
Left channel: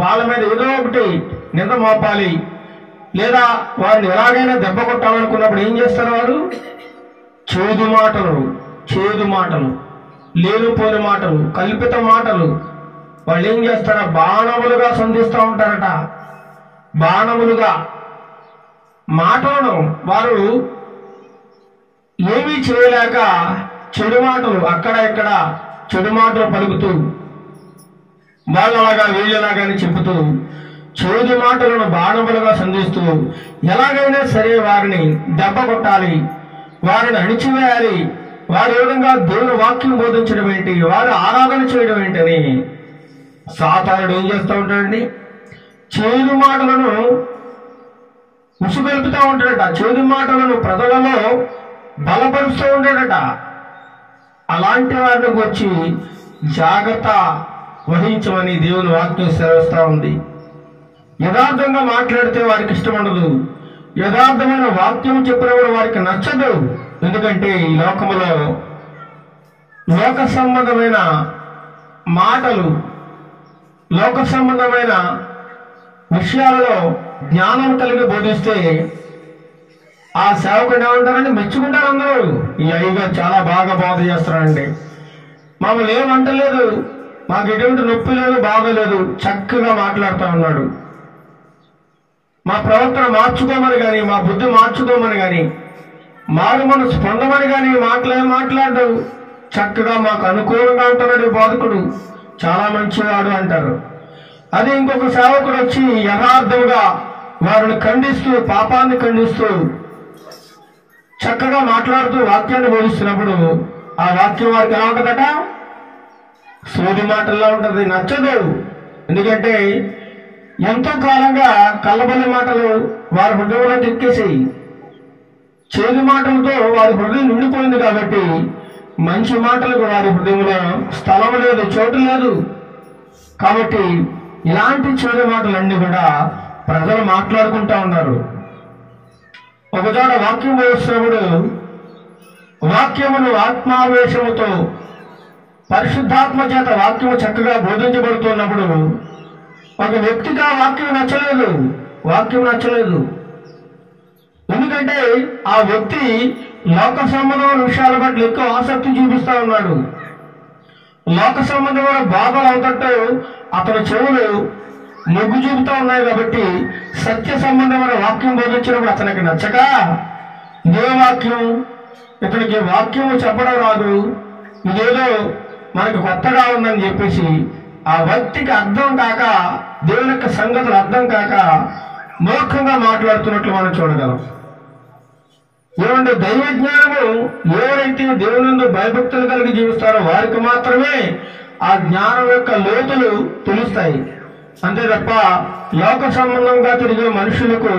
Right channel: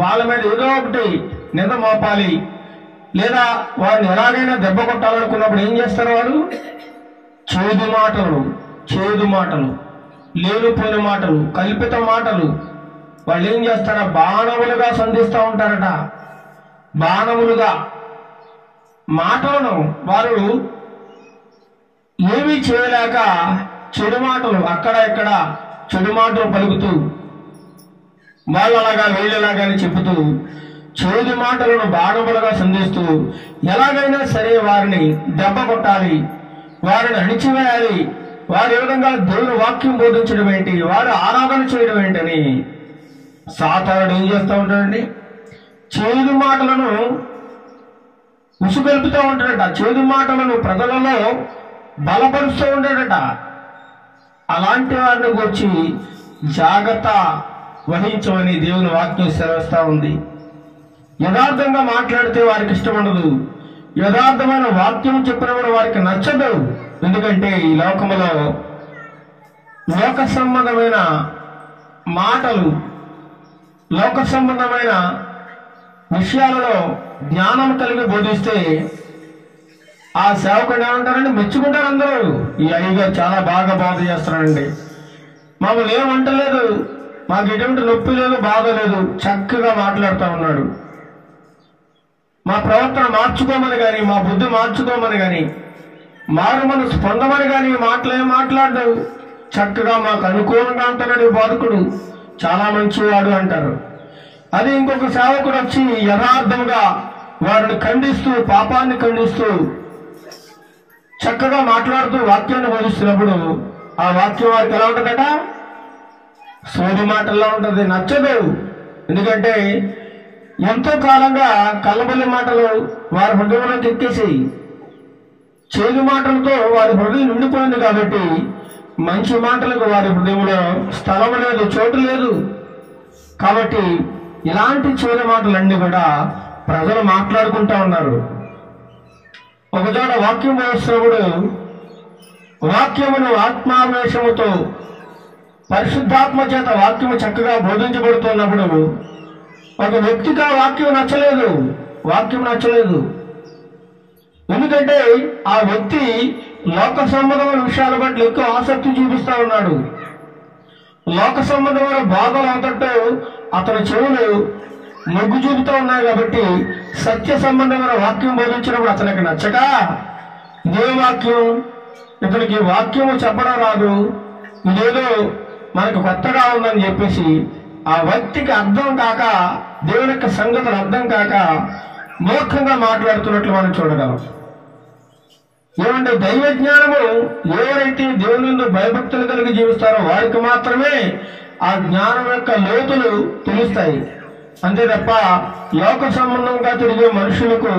వాళ్ళ మీద ఏదో ఒకటి నింద మోపాలి, లేదా వారిని ఎలాగైనా దెబ్బ కొట్టాలనుకున్నప్పుడు ఏం చేస్తారు? వారు చేదు మాటలు, లేనిపోని మాటలు, కల్పిత మాటలు వాళ్ళు ఏం చేస్తారా? బాణములుగా సంధిస్తూ ఉంటారట. బాణములుగా మాటలను వారు ఏమీ చేయలేక చెడు మాటలు అక్కడ ఇక్కడ చెడు మాటలు పలుకుతూ వాళ్ళలాగా వీళ్ళలాగానే చెబుతూ చేదు మాటలను బాణములుగా సంధిస్తూ ఎలాగైనా సరే వారిని దెబ్బ కొట్టాలి, వారిని అణిచివేయాలి, వారు ఏ విధంగా దేవుని వాక్యం బోధించడం ఏంటి, వారు ఆరాధన చేయడం ఏంటని సాతానుడు ఏం చేస్తూ ఉంటాడండి? చేదు మాటలను ఉసుగొలుపుతూ ఉంటాడట. చేదు మాటలను ప్రజలలో బలపరుస్తూ ఉంటాడట. అలాంటి వారిని వచ్చి జాగ్రత్త వహించమని దేవుని వాక్యం సెలవిస్తూ ఉంది. యథార్థంగా మాట్లాడితే వారికి ఇష్టం ఉండదు, యథార్థమైన వాక్యం చెప్పినప్పుడు వారికి నచ్చదు. ఎందుకంటే ఈ లోకములో లోక సంబంధమైన మాటలు, లోక సంబంధమైన విషయాలలో జ్ఞానం కలిగి బోధిస్తే ఆ సేవకుడు ఏమంటారండి? మెచ్చుకుంటారు అందరూ. ఈ అయ్యగారు చాలా బాగా బాధ చేస్తున్నారండి, మమ్మల్ని ఏమంటలేదు, మాకు ఎటువంటి నొప్పి లేదు, బాధ లేదు, చక్కగా మాట్లాడుతూ ఉన్నాడు. మా ప్రవర్తన మార్చుకోమని కానీ, మా బుద్ధి మార్చుకోమని కానీ, మారు మనసు పొందమని కానీ మాటలు ఏం మాట్లాడు, చక్కగా మాకు అనుకూలంగా ఉంటున్నాడు బోధకుడు, చాలా మంచివాడు అంటారు. అది ఇంకొక సేవకుడు వచ్చి యథార్థంగా వారిని ఖండిస్తూ, పాపాన్ని ఖండిస్తూ చక్కగా మాట్లాడుతూ వాక్యాన్ని బోధిస్తున్నప్పుడు ఆ వాక్యం వారికి ఎలా ఉంటుందట? సోది మాటల్లో ఉంటుంది, నచ్చదు. ఎందుకంటే ఎంతో కాలంగా కల్లబొల్లి మాటలు వారి హృదయంలో ఎక్కేసి చేదు మాటలతో వారి హృదయం నిండిపోయింది కాబట్టి మంచి మాటలకు వారి హృదయంలో స్థలం లేదు, చోటు లేదు. కాబట్టి ఇలాంటి చేదు మాటలన్నీ కూడా ప్రజలు మాట్లాడుకుంటా ఉన్నారు. ఒకచోట వాక్యం బోధిస్తున్నప్పుడు వాక్యమును ఆత్మావేశముతో పరిశుద్ధాత్మ చేత వాక్యము చక్కగా బోధించబడుతున్నప్పుడు ఒక వ్యక్తికి ఆ వాక్యం నచ్చలేదు. ఎందుకంటే ఆ వ్యక్తి లోక సంబంధమైన విషయాల పట్ల ఎక్కువ ఆసక్తి చూపిస్తా ఉన్నాడు. లోక సంబంధమైన బాధలు అవుతట్టు అతని చెవులు మొగ్గు చూపుతూ ఉన్నాయి. కాబట్టి సత్య సంబంధమైన వాక్యం బోధించినప్పుడు అతనికి నచ్చక, ఇదే వాక్యం, ఇతనికి వాక్యము చెప్పడం రాదు, ఇదేదో మనకు కొత్తగా ఉందని చెప్పేసి ఆ వ్యక్తికి అర్థం కాక, దేవుని యొక్క సంగతులు అర్థం కాక మూర్ఖంగా మాట్లాడుతున్నట్లు మనం చూడగలం. ఏమంటే దైవ జ్ఞానము ఎవరైతే దేవుని భయభక్తులు కలిగి జీవిస్తారో వారికి మాత్రమే ఆ జ్ఞానం యొక్క లోతులు తెలుస్తాయి. అంతే తప్ప లోక సంబంధంగా తిరిగే మనుషులకు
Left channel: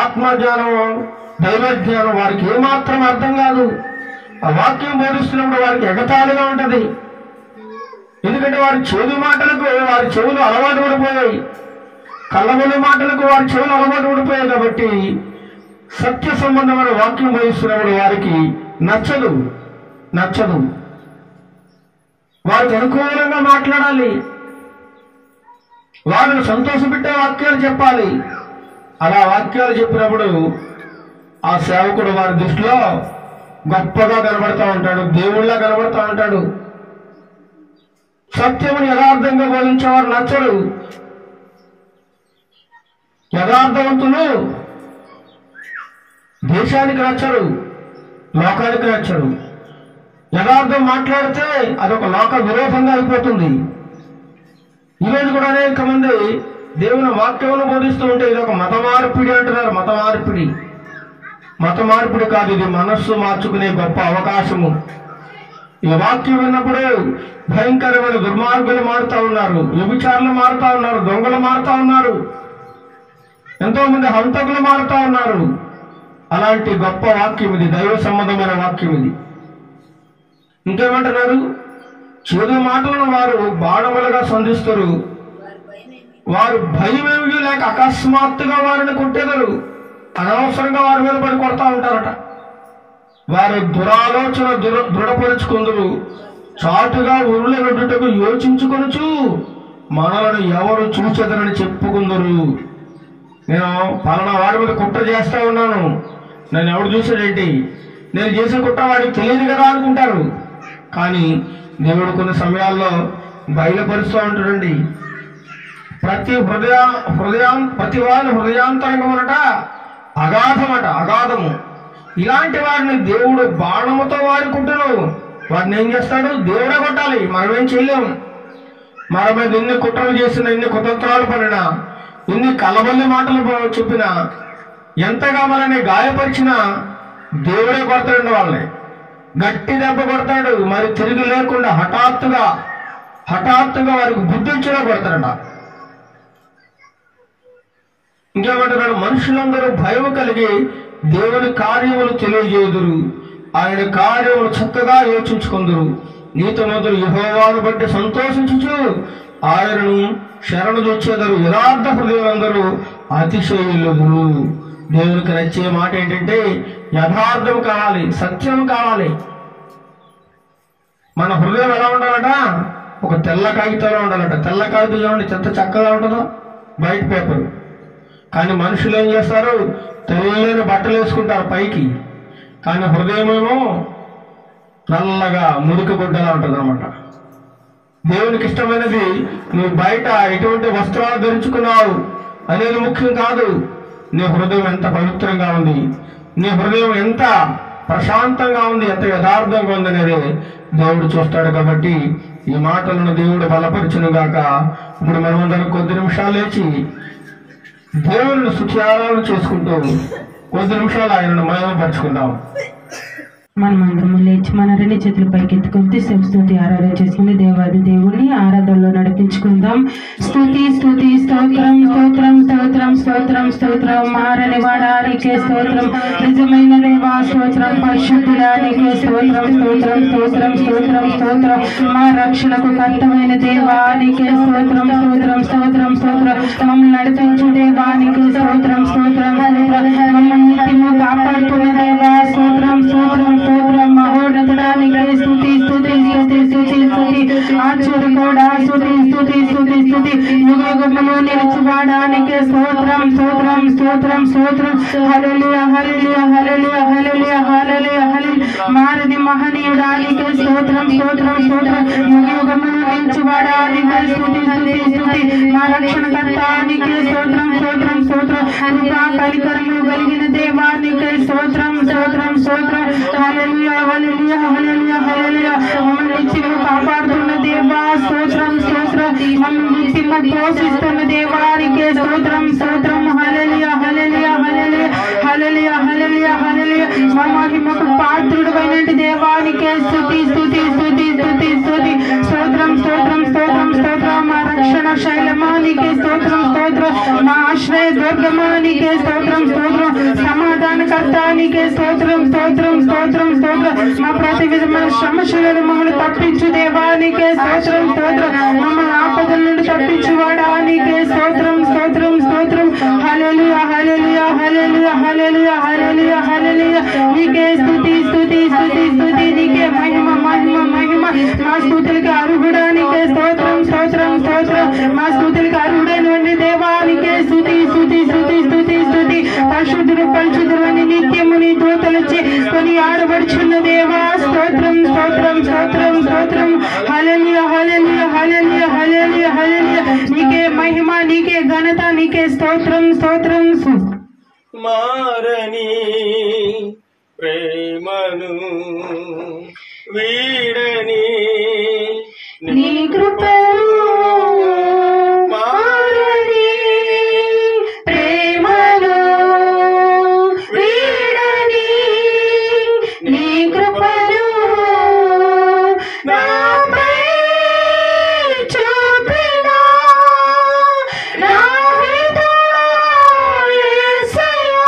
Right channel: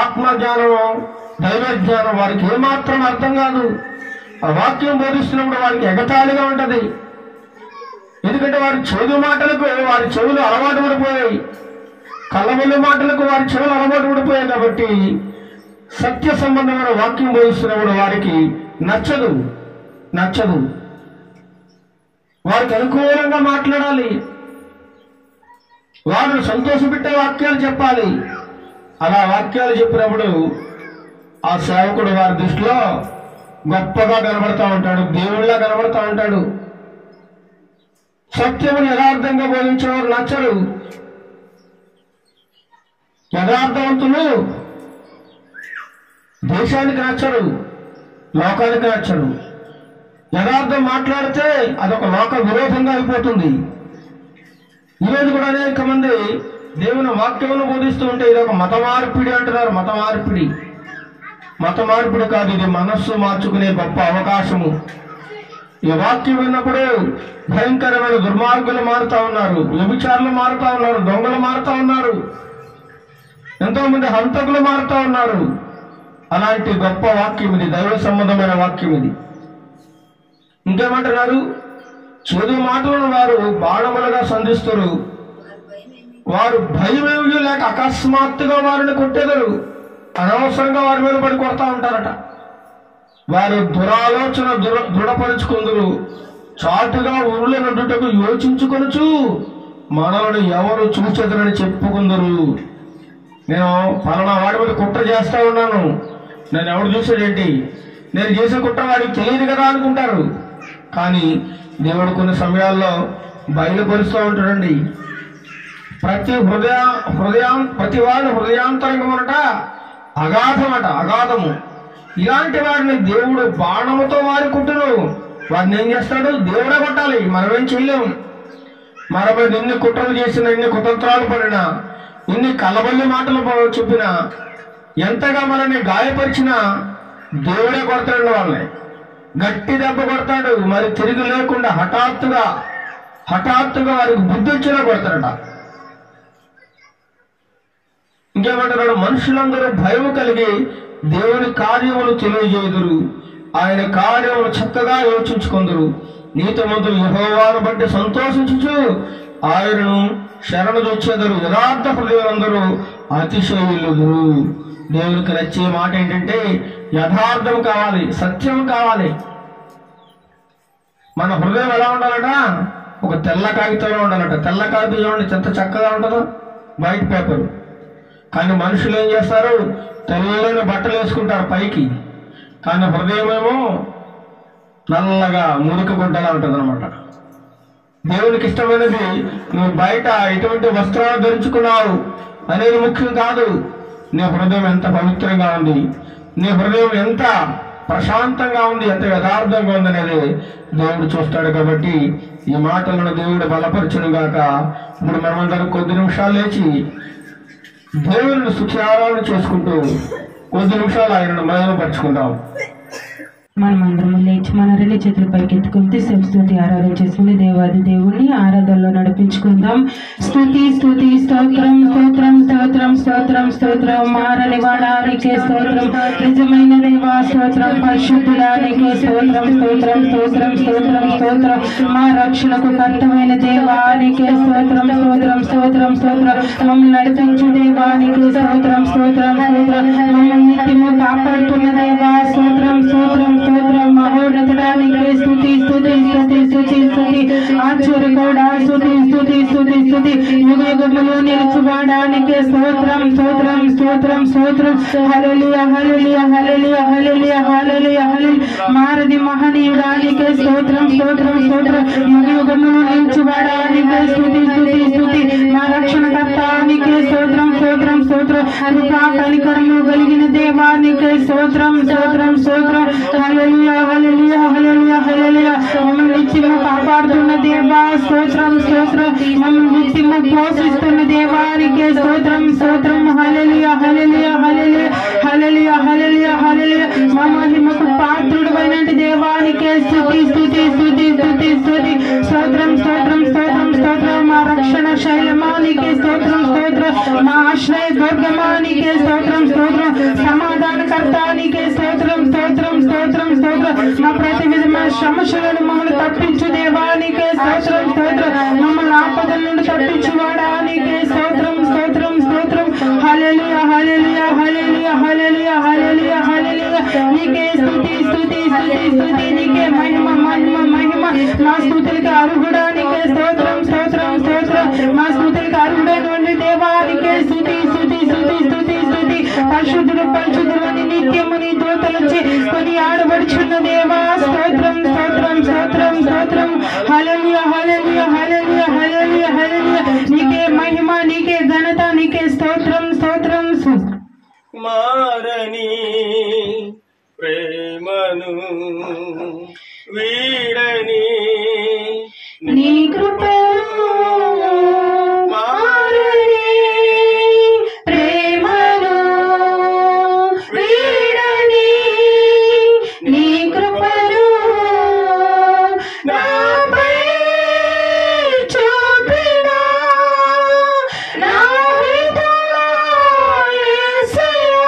ఆత్మజ్ఞానం, దైవ జ్ఞానం వారికి ఏమాత్రం అర్థం కాదు. ఆ వాక్యం బోధిస్తున్నప్పుడు వారికి ఎగతాళిగా ఉంటది. ఎందుకంటే వారి చేదు మాటలకు వారి చెవులు అలవాటు పడిపోయాయి, కళ్ళబొల్లి మాటలకు వారి చెవులు అలవాటు పడిపోయాయి. కాబట్టి సత్య సంబంధమైన వాక్యం బోధిస్తున్నప్పుడు వారికి నచ్చదు. వారికి అనుకూలంగా మాట్లాడాలి, వారిని సంతోషపెట్టే వాక్యాలు చెప్పాలి. అలా వాక్యాలు చెప్పినప్పుడు ఆ సేవకుడు వారి దృష్టిలో గొప్పగా కనబడతా ఉంటాడు, దేవుళ్ళ కనబడతా ఉంటాడు. సత్యముని యథార్థంగా బోధించేవారు నచ్చరు. యథార్థవంతులు దేశానికి నచ్చరు, లోకానికి నచ్చరు. యథార్థం మాట్లాడితే అదొక లోక విరోధంగా అయిపోతుంది. ఈరోజు కూడా అనేక మంది దేవుని వాక్యమును బోధిస్తూ ఉంటే ఇదొక మత మార్పిడి అంటున్నారు. మత మార్పిడి కాదు, ఇది మనస్సు మార్చుకునే గొప్ప అవకాశము. ఈ వాక్యం విన్నప్పుడు భయంకరమైన దుర్మార్గులు మారుతా ఉన్నారు, వ్యభిచారులు మారుతా ఉన్నారు, దొంగలు మారుతా ఉన్నారు, ఎంతో మంది హంతకులు మారుతా ఉన్నారు. అలాంటి గొప్ప వాక్యం ఇది, దైవ సంబంధమైన వాక్యం ఇది. ఇంకేమంటున్నారు? చేదు మాటలను వారు బాణములుగా సంధిస్తారు. వారు భయమేమి లేక అకస్మాత్తుగా వారిని కొట్టేదరు, అనవసరంగా వారి మీద పడి కొడతా ఉంటారట. వారి దురాలోచన దృఢపరుచుకుందరు, చాటుగా ఉరుల రొడ్డుటకు యోచించుకొనుచు మనలను ఎవరు చూచెదరని చెప్పుకుందరు. నేను పలానా వాడి మీద కుట్ర చేస్తా ఉన్నాను, నన్ను ఎవడు చూసాడేంటి, నేను చేసిన కుట్ర వాడికి తెలియదు కదా అనుకుంటారు. కానీ దేవుడు కొన్ని సమయాల్లో బయలుపరుస్తూ ఉంటాడండి. ప్రతి వారి హృదయాంతరంగమనట అగాధము. ఇలాంటి వారిని దేవుడు బాణముతో వాడుకుంటును. వారిని ఏం చేస్తాడు? దేవుడే కొట్టాలి, మనమేం చేయలేము. మన మీద ఎన్ని కుట్రలు చేసినా, ఎన్ని కుతంత్రాలు పడినా, ఎన్ని కలబల్లి మాటలు చెప్పినా, ఎంతగా మనల్ని గాయపరిచినా దేవుడే కొడతాడు. వాళ్ళని గట్టి దెబ్బ కొడతాడు. మరి తిరిగి లేకుండా హఠాత్తుగా వారికి బుద్ధి ఇచ్చినా కొడతాడట. ఇంకేమంటున్నాడు? మనుషులందరూ భయం కలిగి దేవుని కార్యములు తెలియజేయుదురు, ఆయన కార్యములు చక్కగా యోచించుకుందరు. నీతిమంతులు యెహోవాను బట్టి సంతోషించుచు ఆయనను శరణు చొచ్చెదరు. యథార్థ హృదయులందరూ అతిశయులుదురు. దేవునికి నచ్చే మాట ఏంటంటే యథార్థం కావాలి, సత్యం కావాలి. మన హృదయం ఎలా ఉండాలట? ఒక తెల్ల కాగితంలో ఉండాలట. తెల్ల కాగితం చూడండి ఎంత చక్కగా ఉంటుందో, వైట్ పేపర్. కానీ మనుషులు ఏం చేస్తారు? తెల్లని బట్టలు వేసుకుంటారు పైకి, కానీ హృదయం ఏమో నల్లగా మురికి గుడ్డలా ఉంటుంది అనమాట. దేవునికి ఇష్టమైనది నువ్వు బయట ఎటువంటి వస్త్రాలు ధరించుకున్నావు అనేది ముఖ్యం కాదు. నీ హృదయం ఎంత పవిత్రంగా ఉంది, నీ హృదయం ఎంత ప్రశాంతంగా ఉంది, ఎంత యథార్థంగా ఉంది అనేది దేవుడు చూస్తాడు. కాబట్టి ఈ మాటలను దేవుడు బలపరచును గాక. ఇప్పుడు మనమందరం కొద్ది నిమిషాలు లేచి దేవుని స్తుత్యారాధన చేసుకుంటూ కొద్ది నిమిషాలు ఆయనను మహిమపరుచుకుందాం. మనమందరం లేచి మన రెండు చేతుల పైకి ఎత్తుకుంటే స్తుతి ఆరాధన చేసుకుని దేవాది దేవుని ఆరాధనలో నడిపించుకుందాం. స్తుతి స్తుతి స్తోత్రం స్తోత్రం స్తోత్రం స్తోత్రం స్తోత్రం. మారని వాడానికే స్తోత్రం, నిజమైన దేవా స్తోత్రం, పరిశుద్ధుడానికి స్తోత్రం స్తోత్రం స్తోత్రం స్తోత్రం స్తోత్రం. మా రక్షణకు కర్తమైన దేవానికి స్తోత్రం స్తోత్రం స్తోత్రం స్తోత్రం. మమ్మల్ని నడిపించు దేవానికి స్తోత్రం స్తోత్రం స్తోత్రం. మమ్మల్ని నిత్యము కాపాడుతున్న దేవా స్తోత్రం స్తోత్రం స్తోత్రం. మహోన్నతుడానికి స్తుతి స్తుతి స్తుతి స్తుతి స్తుతి. ఆశ్చర్యకరుడా స్తుతి స్తుతి స్తుతి స్తుతి. యుగయుగములు నిలిచివాడానికి స్తోత్రం స్తోత్రం స్తోత్రం స్తోత్రం. హల్లెలూయా హల్లెలూయా హల్లెలూయా హల్లెలూయా హల్లెలూయా హల్లెలూయా. మారది మహనీయుడానికి స్తోత్రం స్తోత్రం స్తోత్రం. యుగయుగములు నిలిచివాడానికి స్తుతి స్తుతి స్తుతి. మా రక్షణకర్తానికి స్తోత్రం స్తోత్రం స్తోత్రం. కృపా కనికరము కలిగిన దేవానికి స్తోత్రం స్తోత్రం స్తోత్రం. హల్లెలూయా హల్లెలూయా హల్లెలూయా హల్లెలూయా. మమ్మల్ని నిత్యము కాపాడుతున్న దేవా స్తోత్రం స్తోత్రం. మమ్మల్ని నిత్యము పోషిస్తున్న దేవానికి స్తోత్రం స్తోత్రం. హల్లెలూయా హల్లెలూయా హల్లెలూయా హల్లెలూయా హల్లెలూయా హల్లెలూయా. మా మహిమకు పాత్రుడైన దేవానికి స్తుతి స్తుతి స్తుతి స్తుతి స్తుతి. స్తోత్రం స్తోత్రం స్తోత్రం స్తోత్రం. మా రక్షణ శైలమానికి స్తోత్రం స్తోత్రం. మా ఆశ్రయ దుర్గమానికి స్తోత్రం స్తోత్రం. సమాధానకర్తానికి స్తోత్రం స్తోత్రం స్తోత్రం స్తోత్రం. మా ప్రతి విధమైన సమస్యలను మమ్మల్ని తప్పించు దేవానికి స్తోత్రం స్తోత్రం. మమ్మల్ని ఆపదల నుండి తప్పించు వాడానికి స్తోత్రం స్తోత్రం స్తోత్రం. హల్లెలూయా హల్లెలూయా హల్లెలూయా హల్లెలూయా హల్లెలూయా హల్లెలూయా. నీకే స్తుతి స్తుతి స్తుతి స్తుతి. నీకే మహిమ మహిమ మహిమ. మా స్తుతులకి అర్హుడానికి స్తోత్రం స్తోత్రం స్తోత్రం. మా స్తుతులకి అర్హుడైన దేవానికి స్తుతి స్తుతి స్తుతి స్తుతి స్తుతి. పరిశుద్ధుడు పరిశుద్ధుడు అని నిత్యము నీ దూతలొచ్చి కొని ఆడబడుచున్న దేవా స్తోత్రం స్తోత్రం స్తోత్రం స్తోత్రం. హల్లెలూయా హల్లెలూయా హల్లెలూయా హల్లెలూయా హల్లెలూయా. నీకే మహిమ, నీకే ఘనత, నీకే స్తోత్రం స్తోత్రం. మారని ప్రేమను వీడని నీ కృపను మారని ప్రేమను వీడని నీ కృపను నాపై చూపిన నా హృదయ యేసయ్యా.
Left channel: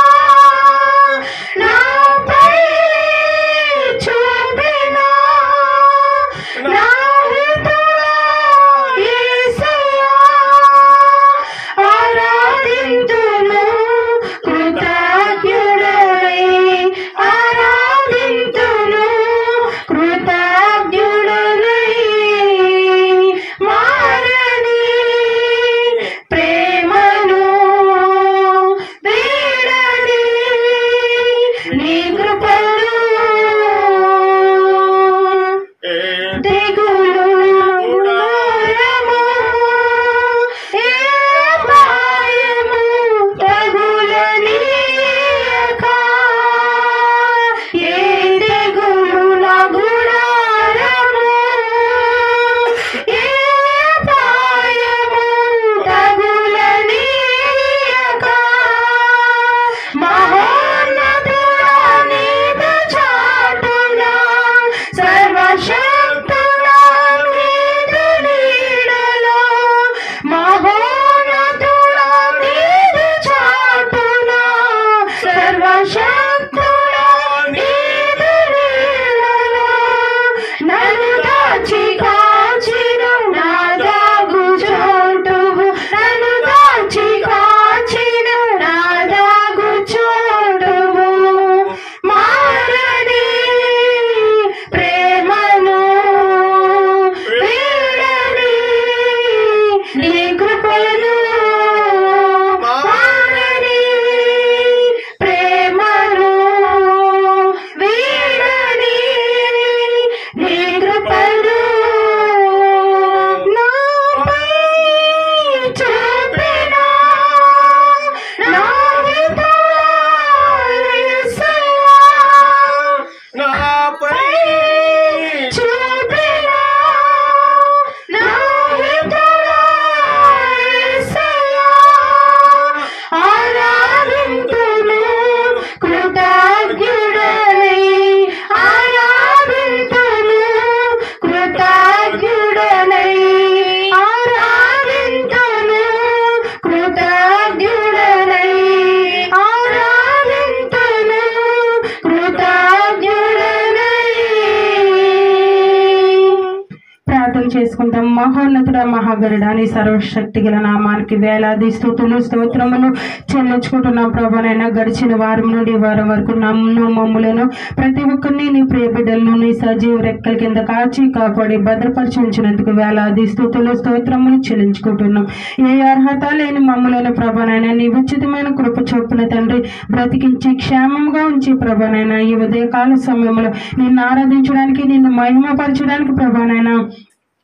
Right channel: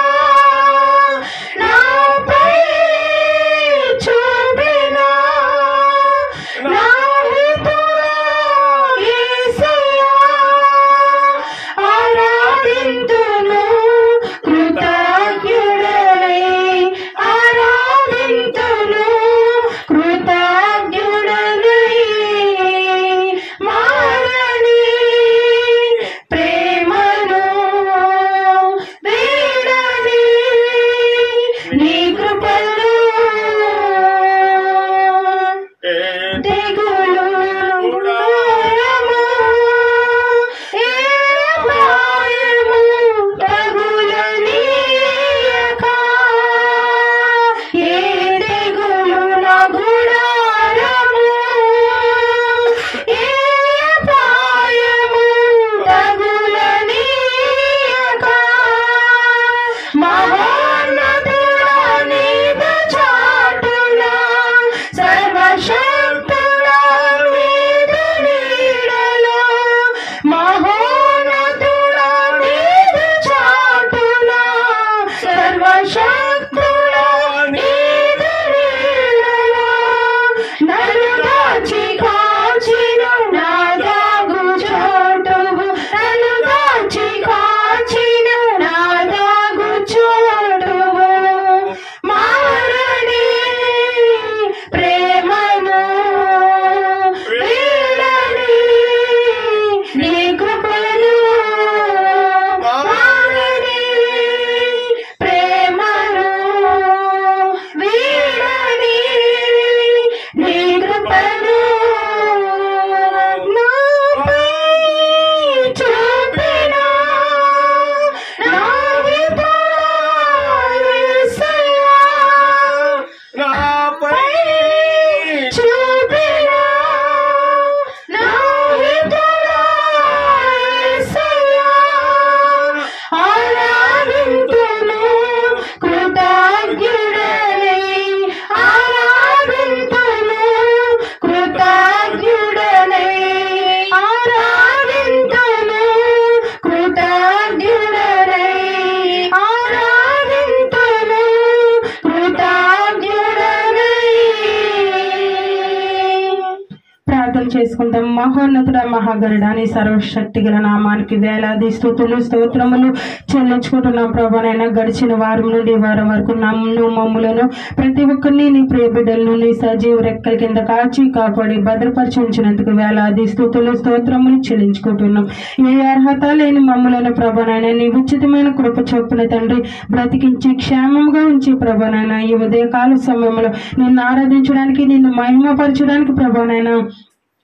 చెల్లించుకుంటాం. మహోన్నతుడ మహాగరుడ నీ సర్వశక్తి గల నామానికి వేలాది స్తుతులు స్తోత్రములు చెల్లించుకుంటున్నాం ప్రభానైనా. గడిచిన వారం నుండి వారం వరకు నన్ను మమ్ములను ప్రతి ఒక్కరిని నీ ప్రియ బిడ్డలను నీ సజీవ రెక్కల కింద కాచి కాపాడి భద్రపరిచి ఉంచినందుకు వేలాది స్తుతులు స్తోత్రములు చెల్లించుకుంటున్నాం. ఏ అర్హత లేని మమ్ములను ప్రభానైనా నీ ఉచితమైన కృప చొప్పున తండ్రి బ్రతికించి క్షేమంగా ఉంచి ప్రభానైనా ఈ ఉదయకాల సమయంలో నిన్ను ఆరాధించడానికి నిన్ను మహిమపరచడానికి ప్రభానైనా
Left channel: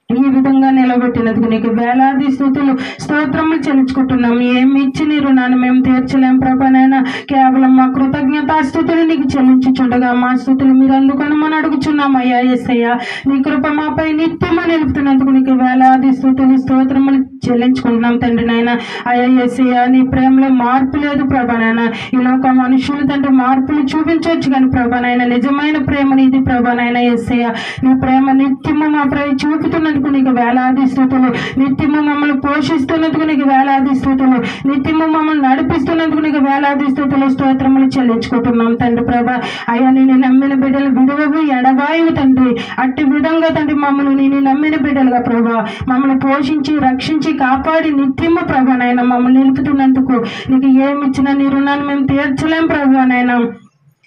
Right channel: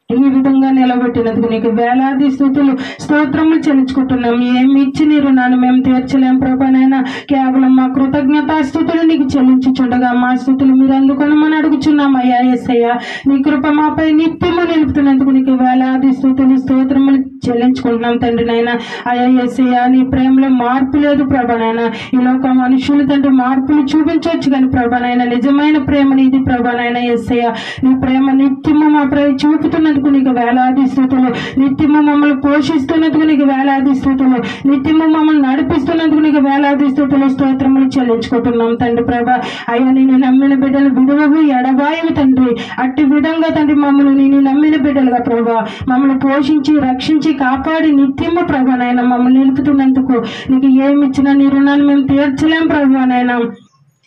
ఈ విధంగా నిలబెట్టినందుకు నీకు వేలాది స్తుతులు స్తోత్రములు చెల్లించుకుంటున్నాం. ఏమి ఇచ్చి నీ రుణాన్ని మేము తీర్చలేం ప్రభానైనా. కేవలం మా కృతజ్ఞతా స్తుతులు నీకు చెల్లించుచుండగా మా స్తుతులు మీరు అందుకొనమని అడుగుచున్నాం అయ్యా యేసయ్యా. నీ కృప మాపై నిత్యము నిలుపుతున్నందుకు నీకు వేలాది స్తుతులు స్తోత్రములు చెల్లించుకుంటున్నాం తండ్రి నాయన. అయ్యా యేసయ్యా నీ ప్రేమలో మార్పు లేదు ప్రభానైనా. ఈ లోక మనుషులు తండ్రి మార్పులు చూపించవచ్చు కానీ ప్రభానైనా నిజమైన ప్రేమ నీది ప్రభానైనా యేసయ్యా. నీ ప్రేమ నిత్యము మాపై చూపుతున్నందుకు నీకు వేలాది స్తుతులు. నిత్యము మమ్మల్ని పోషిస్తున్నందుకు నీకు వేలాది స్తుతులు. నిత్యము మమ్మల్ని నడిపిస్తున్నందుకు నీకు వేలాది స్తుతులు స్తోత్రములు చెల్లించుకుంటున్నాం తండ్రి ప్రభా. అయ్యా నేను నమ్మిన బిడ్డలు విడువవు ఎడబాయవు తండ్రి. అట్టి విధంగా తండ్రి మమ్మల్ని నేను నమ్మిన బిడ్డలుగా ప్రభా మమ్మల్ని పోషించి రక్షించి కాపాడి నిత్యము ప్రభానైనా మమ్మల్ని నిలుపుతున్నందుకు నీకు ఏమి ఇచ్చినా నీ రుణాన్ని మేము తీర్చలేం ప్రభానైనా.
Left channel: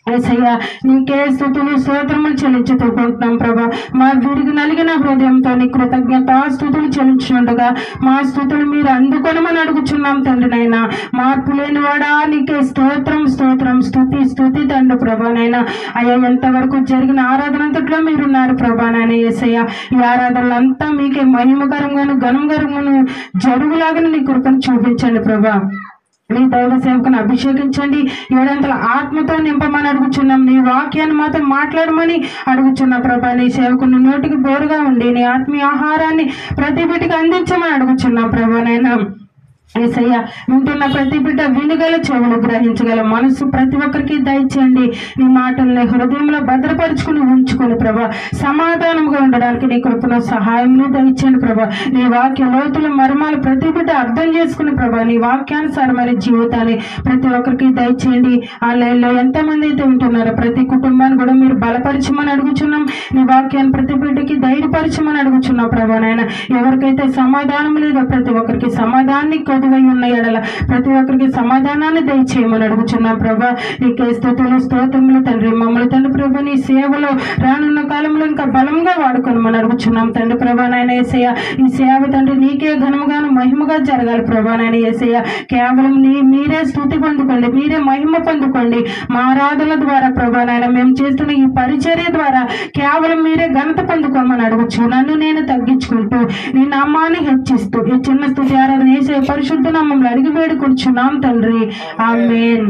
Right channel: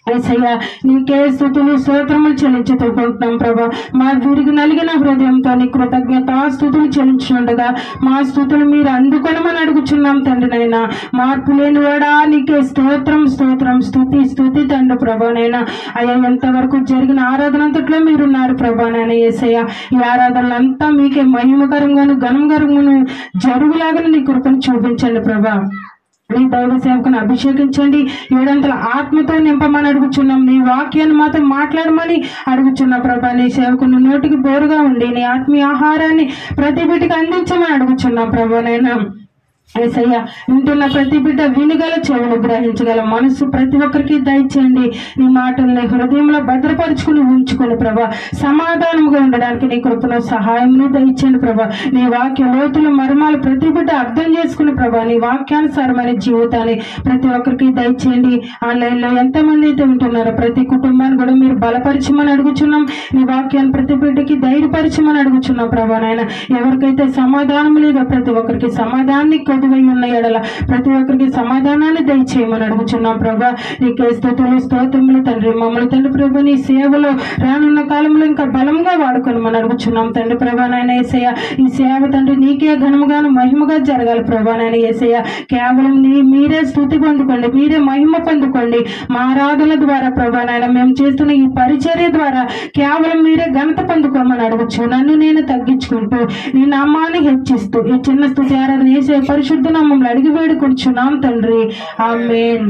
యేసయ్యా నీకే స్తుతులు స్తోత్రములు చెల్లించుకుంటున్నాం ప్రభా. మా విరిగి నలిగిన హృదయంతో నీ కృతజ్ఞత స్తుతులు చెల్లించుండగా మా స్తుతులు మీరు అందుకొనమని అడుగుచున్నాం తండ్రి నాయన. మార్పు లేని వాడా నీకే స్తోత్రం స్తోత్రం స్తుతి స్తుతి తండ్రి ప్రభానైనా. అయ్యా ఎంతవరకు జరిగిన ఆరాధన అంతట్లో మీరున్నారు ప్రభానైనా యేసయ్యా. ఈ ఆరాధనలంతా మీకే మహిమకరంగాను ఘనంకరంగాను జరుగులాగా నీ కృపను చూపించండి ప్రభా. నీ దైవ సేవకుని అభిషేకించండి. ఏడంతల ఆత్మతో నింపమని అడుగుచున్నాం. నీ వాక్యాన్ని మాత్రం మాట్లాడమని అడుగుచున్నా ప్రభా. నీ సేవకుని నోటికి బోరుగా ఉండి నీ ఆత్మీయ ఆహారాన్ని ప్రతి బిడ్డకి అందించమని అడుగుచున్నాం ప్రభానైనా. యేసయ్యా వింటున్న ప్రతి బిడ్డ వినగల చెవులు గ్రహించగల మనసు ప్రతి ఒక్కరికి దయచేయండి. నీ మాటల్ని హృదయంలో భద్రపరుచుకుని ఉంచుకుని ప్రభా సమాధానంగా ఉండడానికి నీ కృపణ సహాయంని దయచేయండి ప్రభా. నీ వాక్య లోతుల మర్మాలు ప్రతి బిడ్డ అర్థం చేసుకుని ప్రభా నీ వాక్యానుసారమైన జీవితాన్ని ప్రతి ఒక్కరికి దయచేయండి. ఆన్లైన్లో ఎంతమంది అయితే ఉంటున్నారో ప్రతి కుటుంబాన్ని కూడా మీరు బలపరచమని అడుగుచున్నాం. నీ వాక్యాన్ని ప్రతి బిడ్డకి ధైర్యపరచమని అడుగుచున్నాం ప్రభా నాయన. ఎవరికైతే సమాధానం లేదో ప్రతి ఒక్కరికి సమాధానాన్ని ఉన్న ఎడల ప్రతి ఒక్కరికి సమాధానాన్ని దయచేయమని అడుగుచున్నాం ప్రభా. నీకే స్తుతులు స్తోత్రములు తండ్రి. మమ్మల్ని తండ్రి ప్రభు నీ సేవలో రానున్న కాలంలో ఇంకా బలంగా వాడుకోమని అడుగుచున్నాం తండ్రి ప్రభా నాయన యేసయ్య. ఈ సేవ తండ్రి నీకే ఘనముగాను మహిమగా జరగాలి ప్రభా నాయన యేసయ్య. కేవలం మీరే స్తుతి పొందుకోండి, మీరే మహిమ పొందుకోండి. మా ఆరాధన ద్వారా ప్రభా నాయన మేము చేస్తున్న ఈ పరిచర్య ద్వారా కేవలం మీరే ఘనత పొందుకోమని అడుగుచు నన్ను నేను తగ్గించుకుంటూ నీ నామాన్ని హెచ్చిస్తూ ఈ చిన్న స్తుతి ఆరాధన యేసయ్య పరిశుద్ధ నామములో అడిగి వేడుకొనుచున్నాం తండ్రి. ఆమేన్.